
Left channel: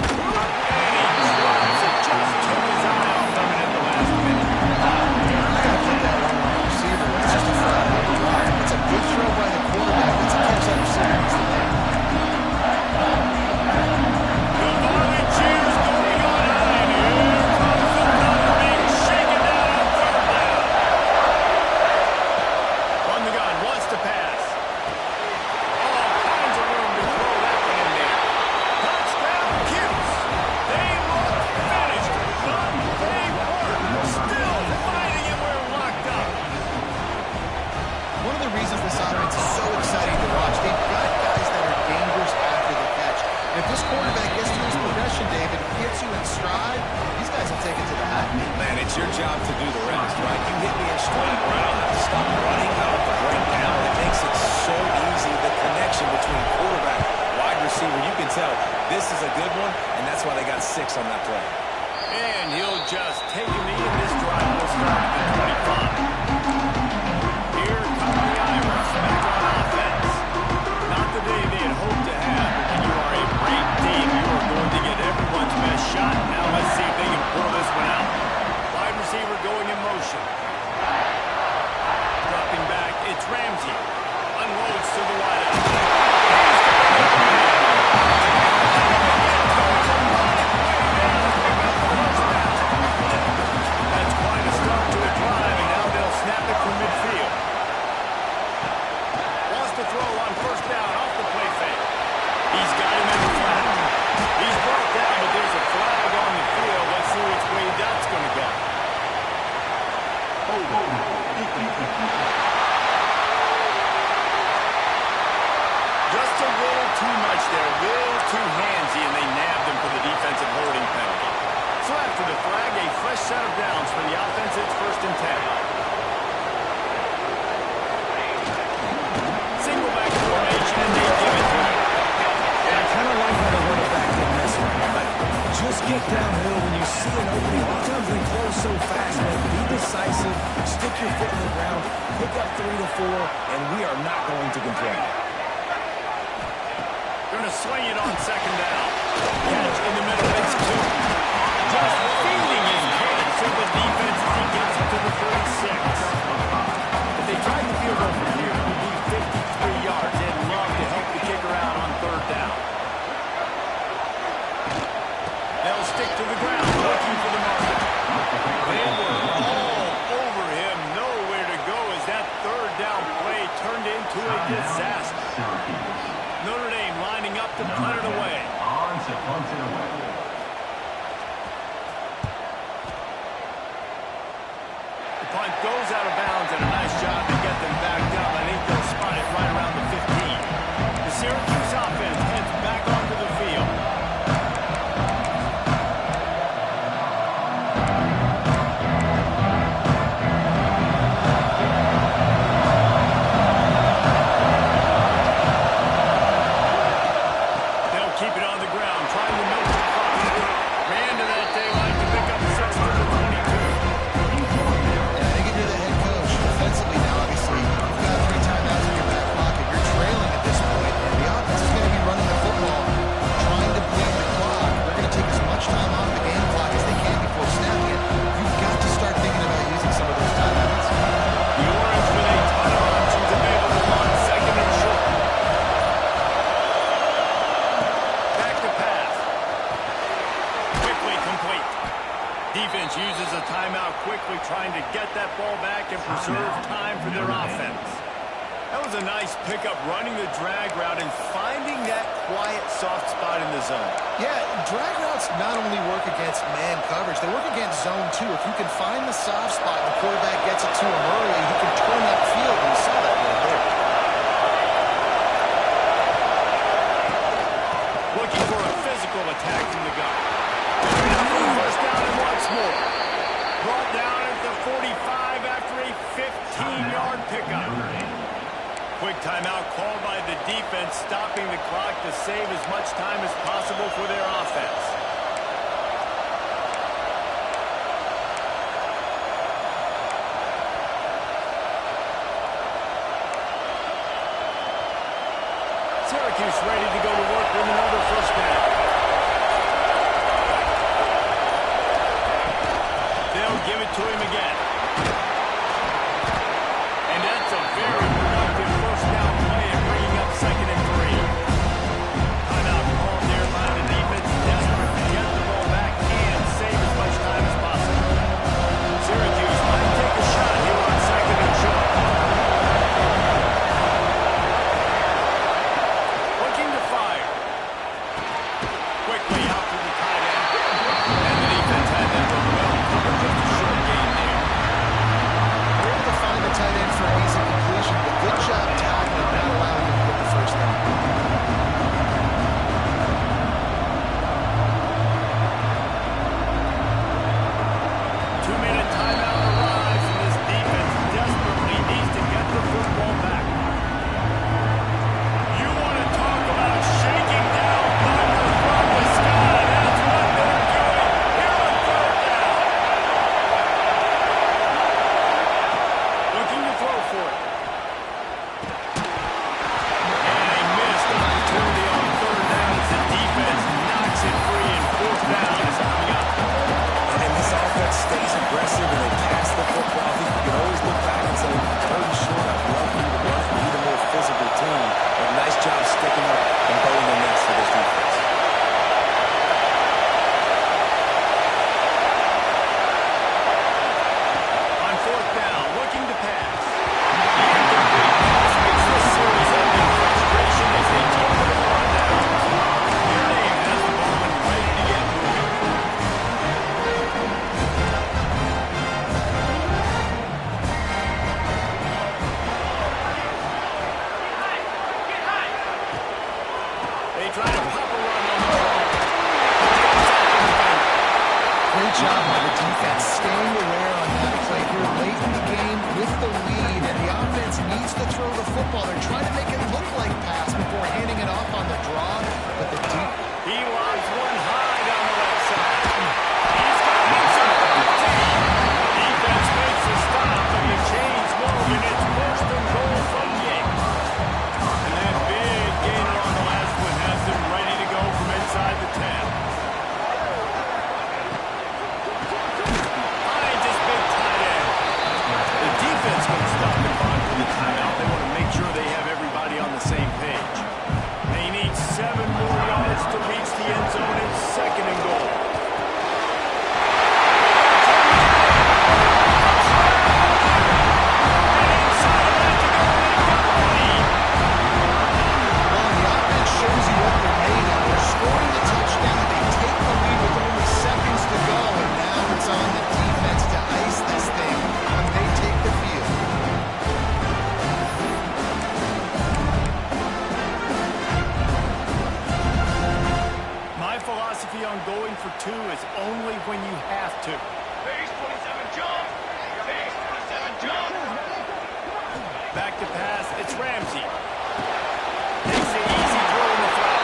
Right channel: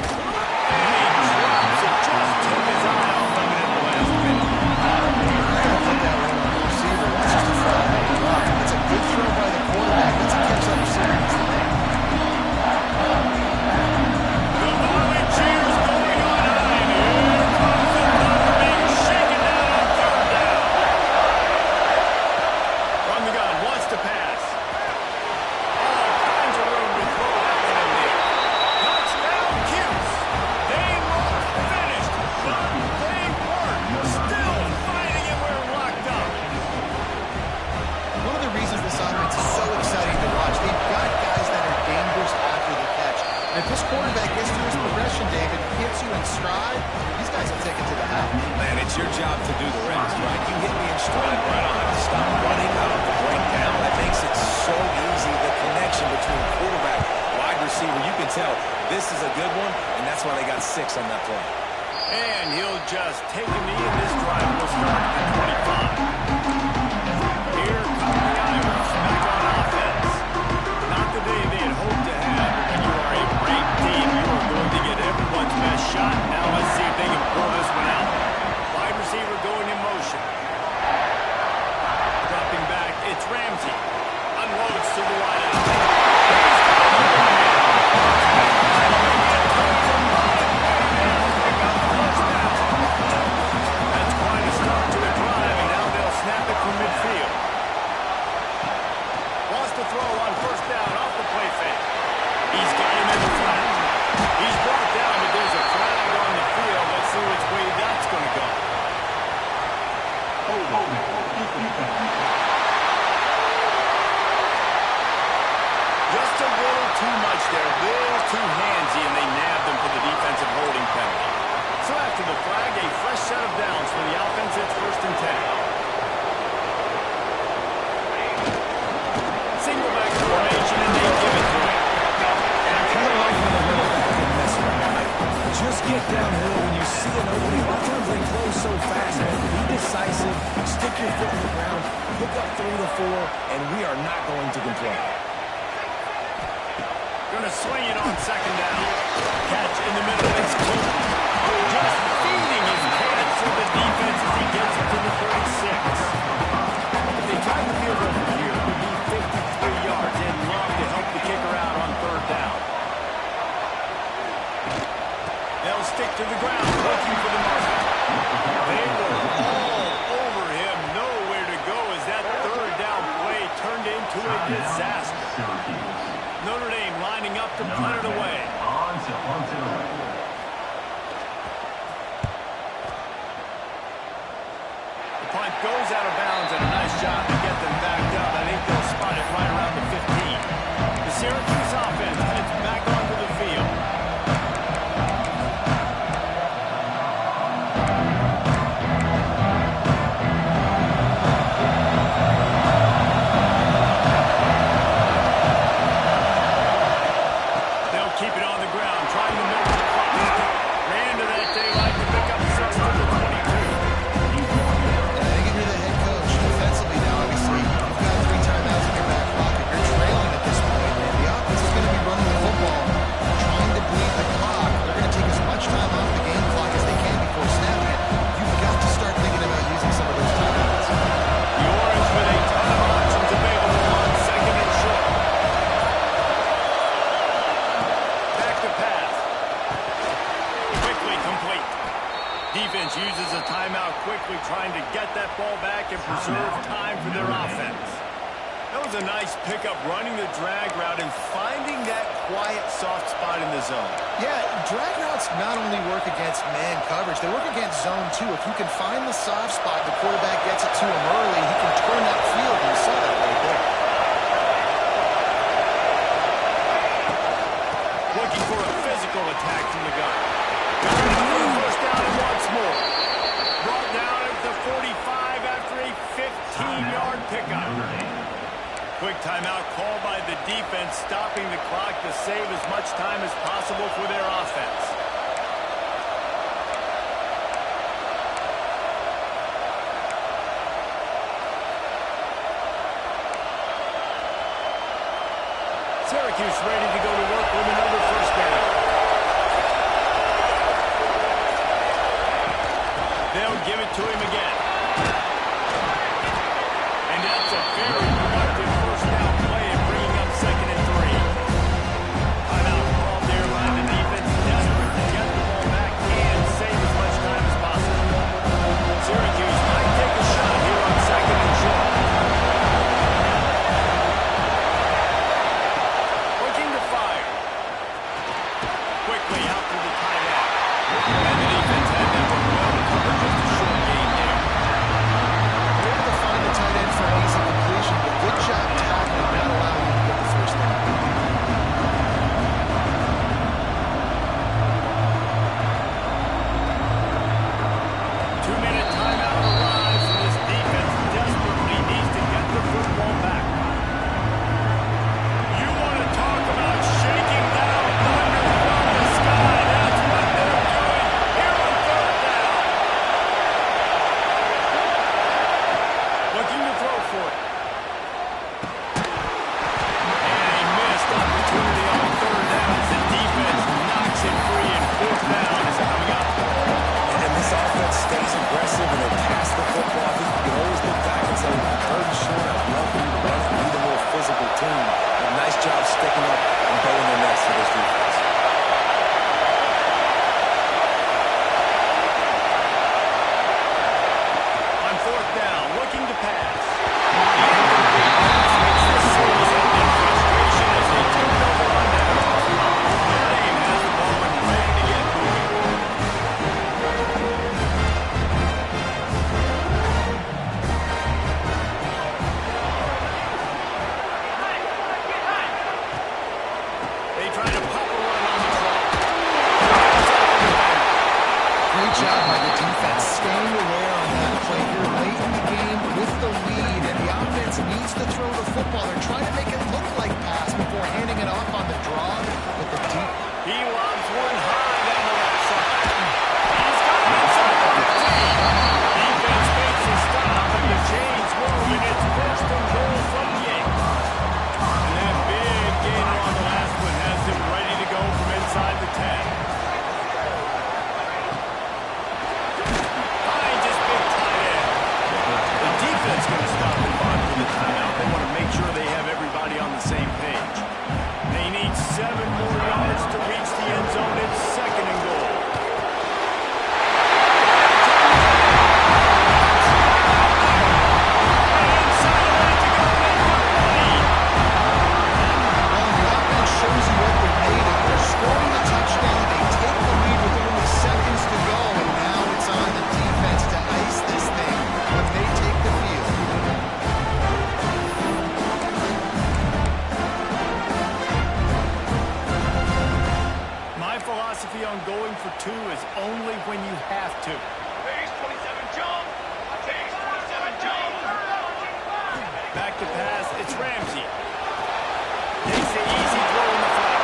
And he drops it. Just took his eye off of it in the last minute. I gotta put that one on the receiver. That's just a flat-out drop. It's a good throw by the quarterback. That's a catch that receiver needs to make. The volley cheers going on high, and here comes the Thunder being shaken down on third down. From the gun, wants to pass. All kinds of room to throw that one in there. Touchdown, Cuse. They look finished, but they weren't. Still fighting, and we're locked up. One of the reasons this offense is so exciting to watch, they've got guys that are dangerous after the catch. And if this quarterback gets to his progression, David, gets you in stride, these guys will take it to the house. Man, it's your job to do the rest, right? You hit me in stride where I don't have to stop running, I don't have to break down. It makes it so easy, the connection between quarterback, wide receiver. You can tell this is a good one, and that's why they got 6 on that play. And he'll just take a knee, and this drive will start at the 25. Here come the Irish back on offense. Not the day they had hoped to have, but when you are a great team, you are going to get everyone's best shot. Now let's see if they can pull this one out. Wide receiver going in motion. Dropping back, it's Ramsey. Unloads to the wideout. He's got an open man. That's quite a start to a drive, and now they'll snap it from midfield. Wants to throw on first down off the play fake. He's got him in the flat. He's brought down, but there's a flag on the field. Let's see which way that's going to go. Just a little too much there, a little too handsy, and they nabbed him for the defensive holding penalty. So after the flag, a fresh set of downs for the offense. It's 1st and 10. Single back formation, and they give it to him. And I kind of like how the running back didn't mess around. Like, just get downhill when you see an opening. A lot of times they close so fast, man. Be decisive, stick your foot in the ground, pick up 3 to 4, and we are not going to complain. Going to swing it on second down. Catch in the middle. It's 2. Just feeding his catch to the defense as he gets it to the 36. If they tried the field goal from here, it would be 53 yards. They'd love to help the kicker out on third down. They'll stick to the ground, looking for the marker. They were all over him. Nowhere to go as that third down play turned into a disaster. Notre Dame lining up to punt it away. The punt goes out of bounds, and a nice job to get them backed up. I think they'll spot it right around the 15. The Syracuse offense heads back onto the field. Keep it on the ground, trying to milk the clock. Ran to that daylight to pick up 6 to the 22. And I think if you're the head coach, defensively now, obviously, you've got 3 timeouts in your back pocket. You're trailing at this point, and the offense is going to be running the football, trying to bleed the clock. They're going to take as much time off the game clock as they can before snapping it. You've got to start thinking about using back to pass. Quickly complete. Defense uses a timeout quickly, trying to get that ball back and preserve time for their offense. That was a nice pickup, running the drag route and finding that quiet, soft spot in the zone. Yeah, drag routes not only work against man coverage, they work against zone too. If you can find the soft spot, the quarterback gets it to him early, he can turn that field, and you saw that right there. Looking for a physical attack from the gun. Good enough for the first down and once more. Brought down at the 45 after a 15-yard pickup. Quick timeout called by the defense, stopping the clock to save as much time as possible for their offense. Syracuse ready to go to work with another first down. They'll give it to him again. And that's a very productive first down play and bringing up 2nd and 3. Timeout called there by the defense, desperate to get the ball back and save as much time as possible. Syracuse might take a shot here on 2nd and short. Looking to fire. Quickly out to the tight end. And the defense had that one well covered, just a short gain there. They're able to find the tight end for an easy completion, but good job tackling, not allowing him to get the first down. Two-minute timeout arrives, and this defense desperately needs to get the football back. You want to talk about shaking down thunder from the sky. That's what they're doing here on 3rd down. Looking to throw for it. And a missed opportunity on 3rd down as the defense knocks it free, and 4th down is coming up. And this offense stays aggressive and they pass the football. I think you can always look back and say, 3rd and short, I'd love for you to run it and be the more physical team. But nice job sticking up and bowing their nets for this defense. On 4th down, looking to pass. The incomplete pass makes this series end in frustration as they turn it over on downs. Their name has the ball and ready to get moving. They try to pop a run on the draw. Great job by the defense, staying aware on that play here late in the game with the lead, and the offense needs to throw the football. They're trying to make it look like pass before handing it off on the draw, but the He lobs one high down the left side. He's got it inside the 15. Defense makes a stop, and the chains move, and it's 1st and goal from the 8. And that big gainer on the last one has them ready to go from inside the 10. Finds his big tight end. The defense going to stop the clock for the timeout. They want to make sure they have everybody on the same page. They need 7 more yards to reach the end zone. It's 2nd and goal. And inside a minute to go, they've got the lead. Well, the offense shows you what they're made of. They're scoring the touchdown. They take the lead with only seconds to go, and now it's on the defense to ice this thing when they take the field. My philosophy on going for 2 is only when you have to. Base 27 jump. Base 27 jump. Back to pass, it's Ramsey. Takes the easy throw in the flat.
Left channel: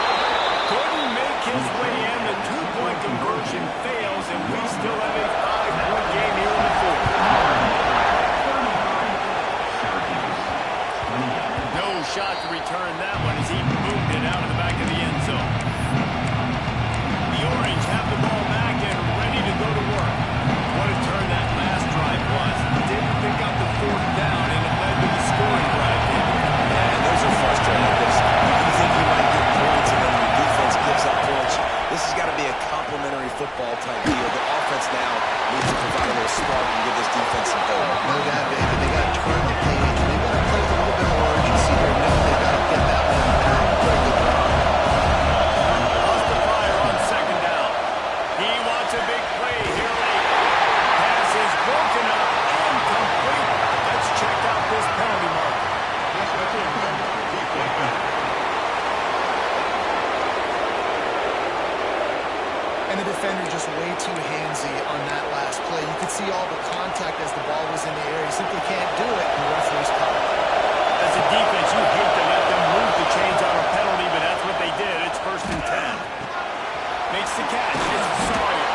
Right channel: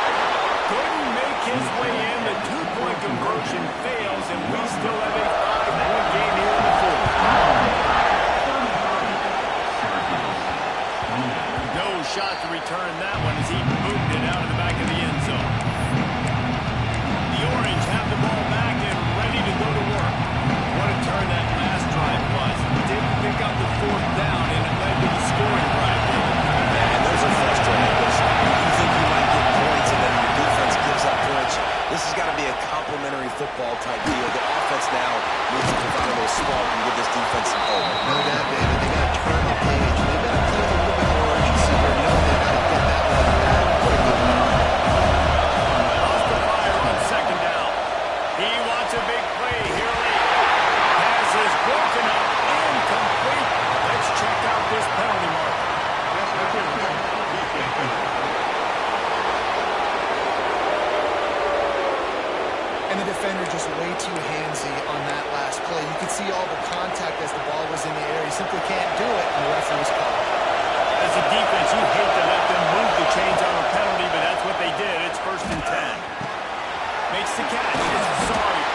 Couldn't make his way in. The 2-point conversion fails, and we still have a 5-point game here in the 4th. No shot to return that one as he moved it out of the back of the end zone. The Orange have the ball back and ready to go to work. What a turn that last drive was. Didn't pick up the 4th down, and it led to the scoring drive. Man, those are frustrating because you think you might get points and then your defense gives up points. be a complementary football type deal. The offense now needs to provide a little spark and give this defense some hope. No doubt, baby. They got to turn the page. They've got to play with a little bit more urgency here. No, they've got to get that one back. What a good run. Lost the fire on second down. He wants a big play here late. Pass is broken up, incomplete. Let's check out this penalty marker. And the defender just way too handsy on that last play. You could see all the contact as the ball was in the air. He simply can't do it, and the referee's called. As a defense, you hate to let them move the chains on a penalty, but that's what they did. It's 1st and 10. Makes the catch. It's Sawyer.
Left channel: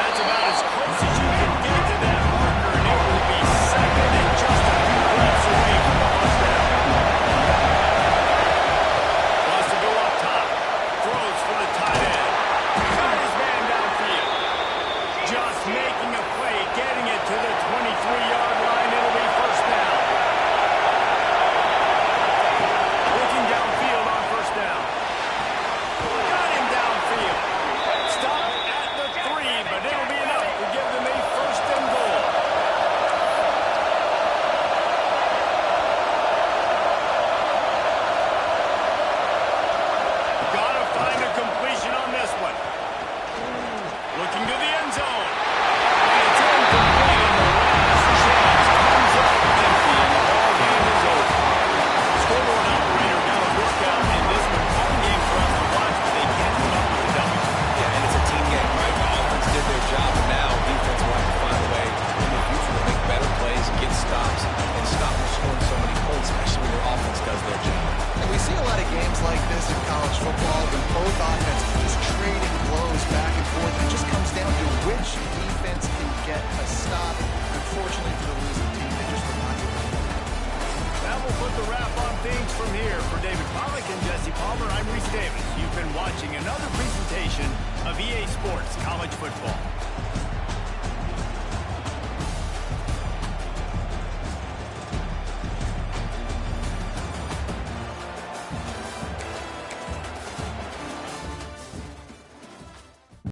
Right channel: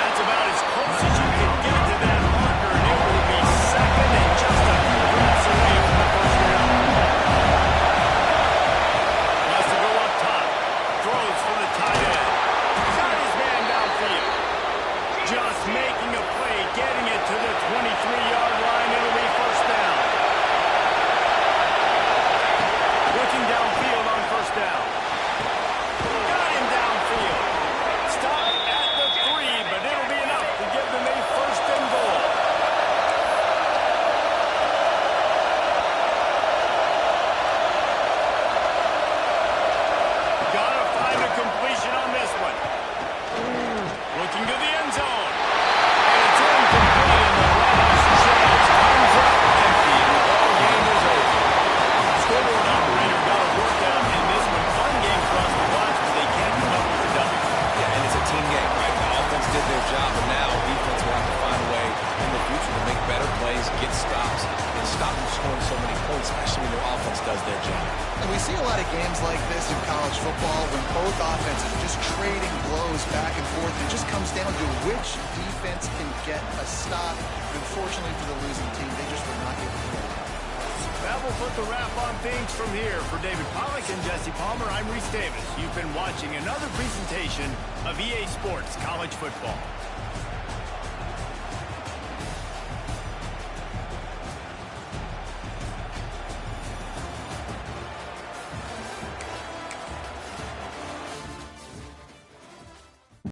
That's about as close as you can get to that marker, and it will be second and just a few breaths away from the first down. Wants to go up top. Throws for the tight end. Got his man downfield. Just making a play, getting it to the 23-yard line. It'll be first down. Looking downfield on first down. Got him downfield. Stopped at the 3, but it'll be enough to give them a first and goal. Gotta find a completion on this one. Looking to the end zone. And it's incomplete, and the last chance comes up empty, and the ball game is over. Scoreboard operator got a workout in this one. Fun game for us to watch, but they can't come up with the W. Yeah, and it's a team game, right? The offense did their job, and now defense will have to find a way in the future to make better plays, get stops, and stop them scoring so many points, especially when your offense does their job. And we see a lot of games like this in college football when both offenses are just trading blows back and forth. It just comes down to which defense can get a stop. Unfortunately for the losing team, they just were not able to get it. That will put the wrap on things from here. For David Pollack and Jesse Palmer, I'm Reese Davis. You've been watching another presentation of EA Sports College Football.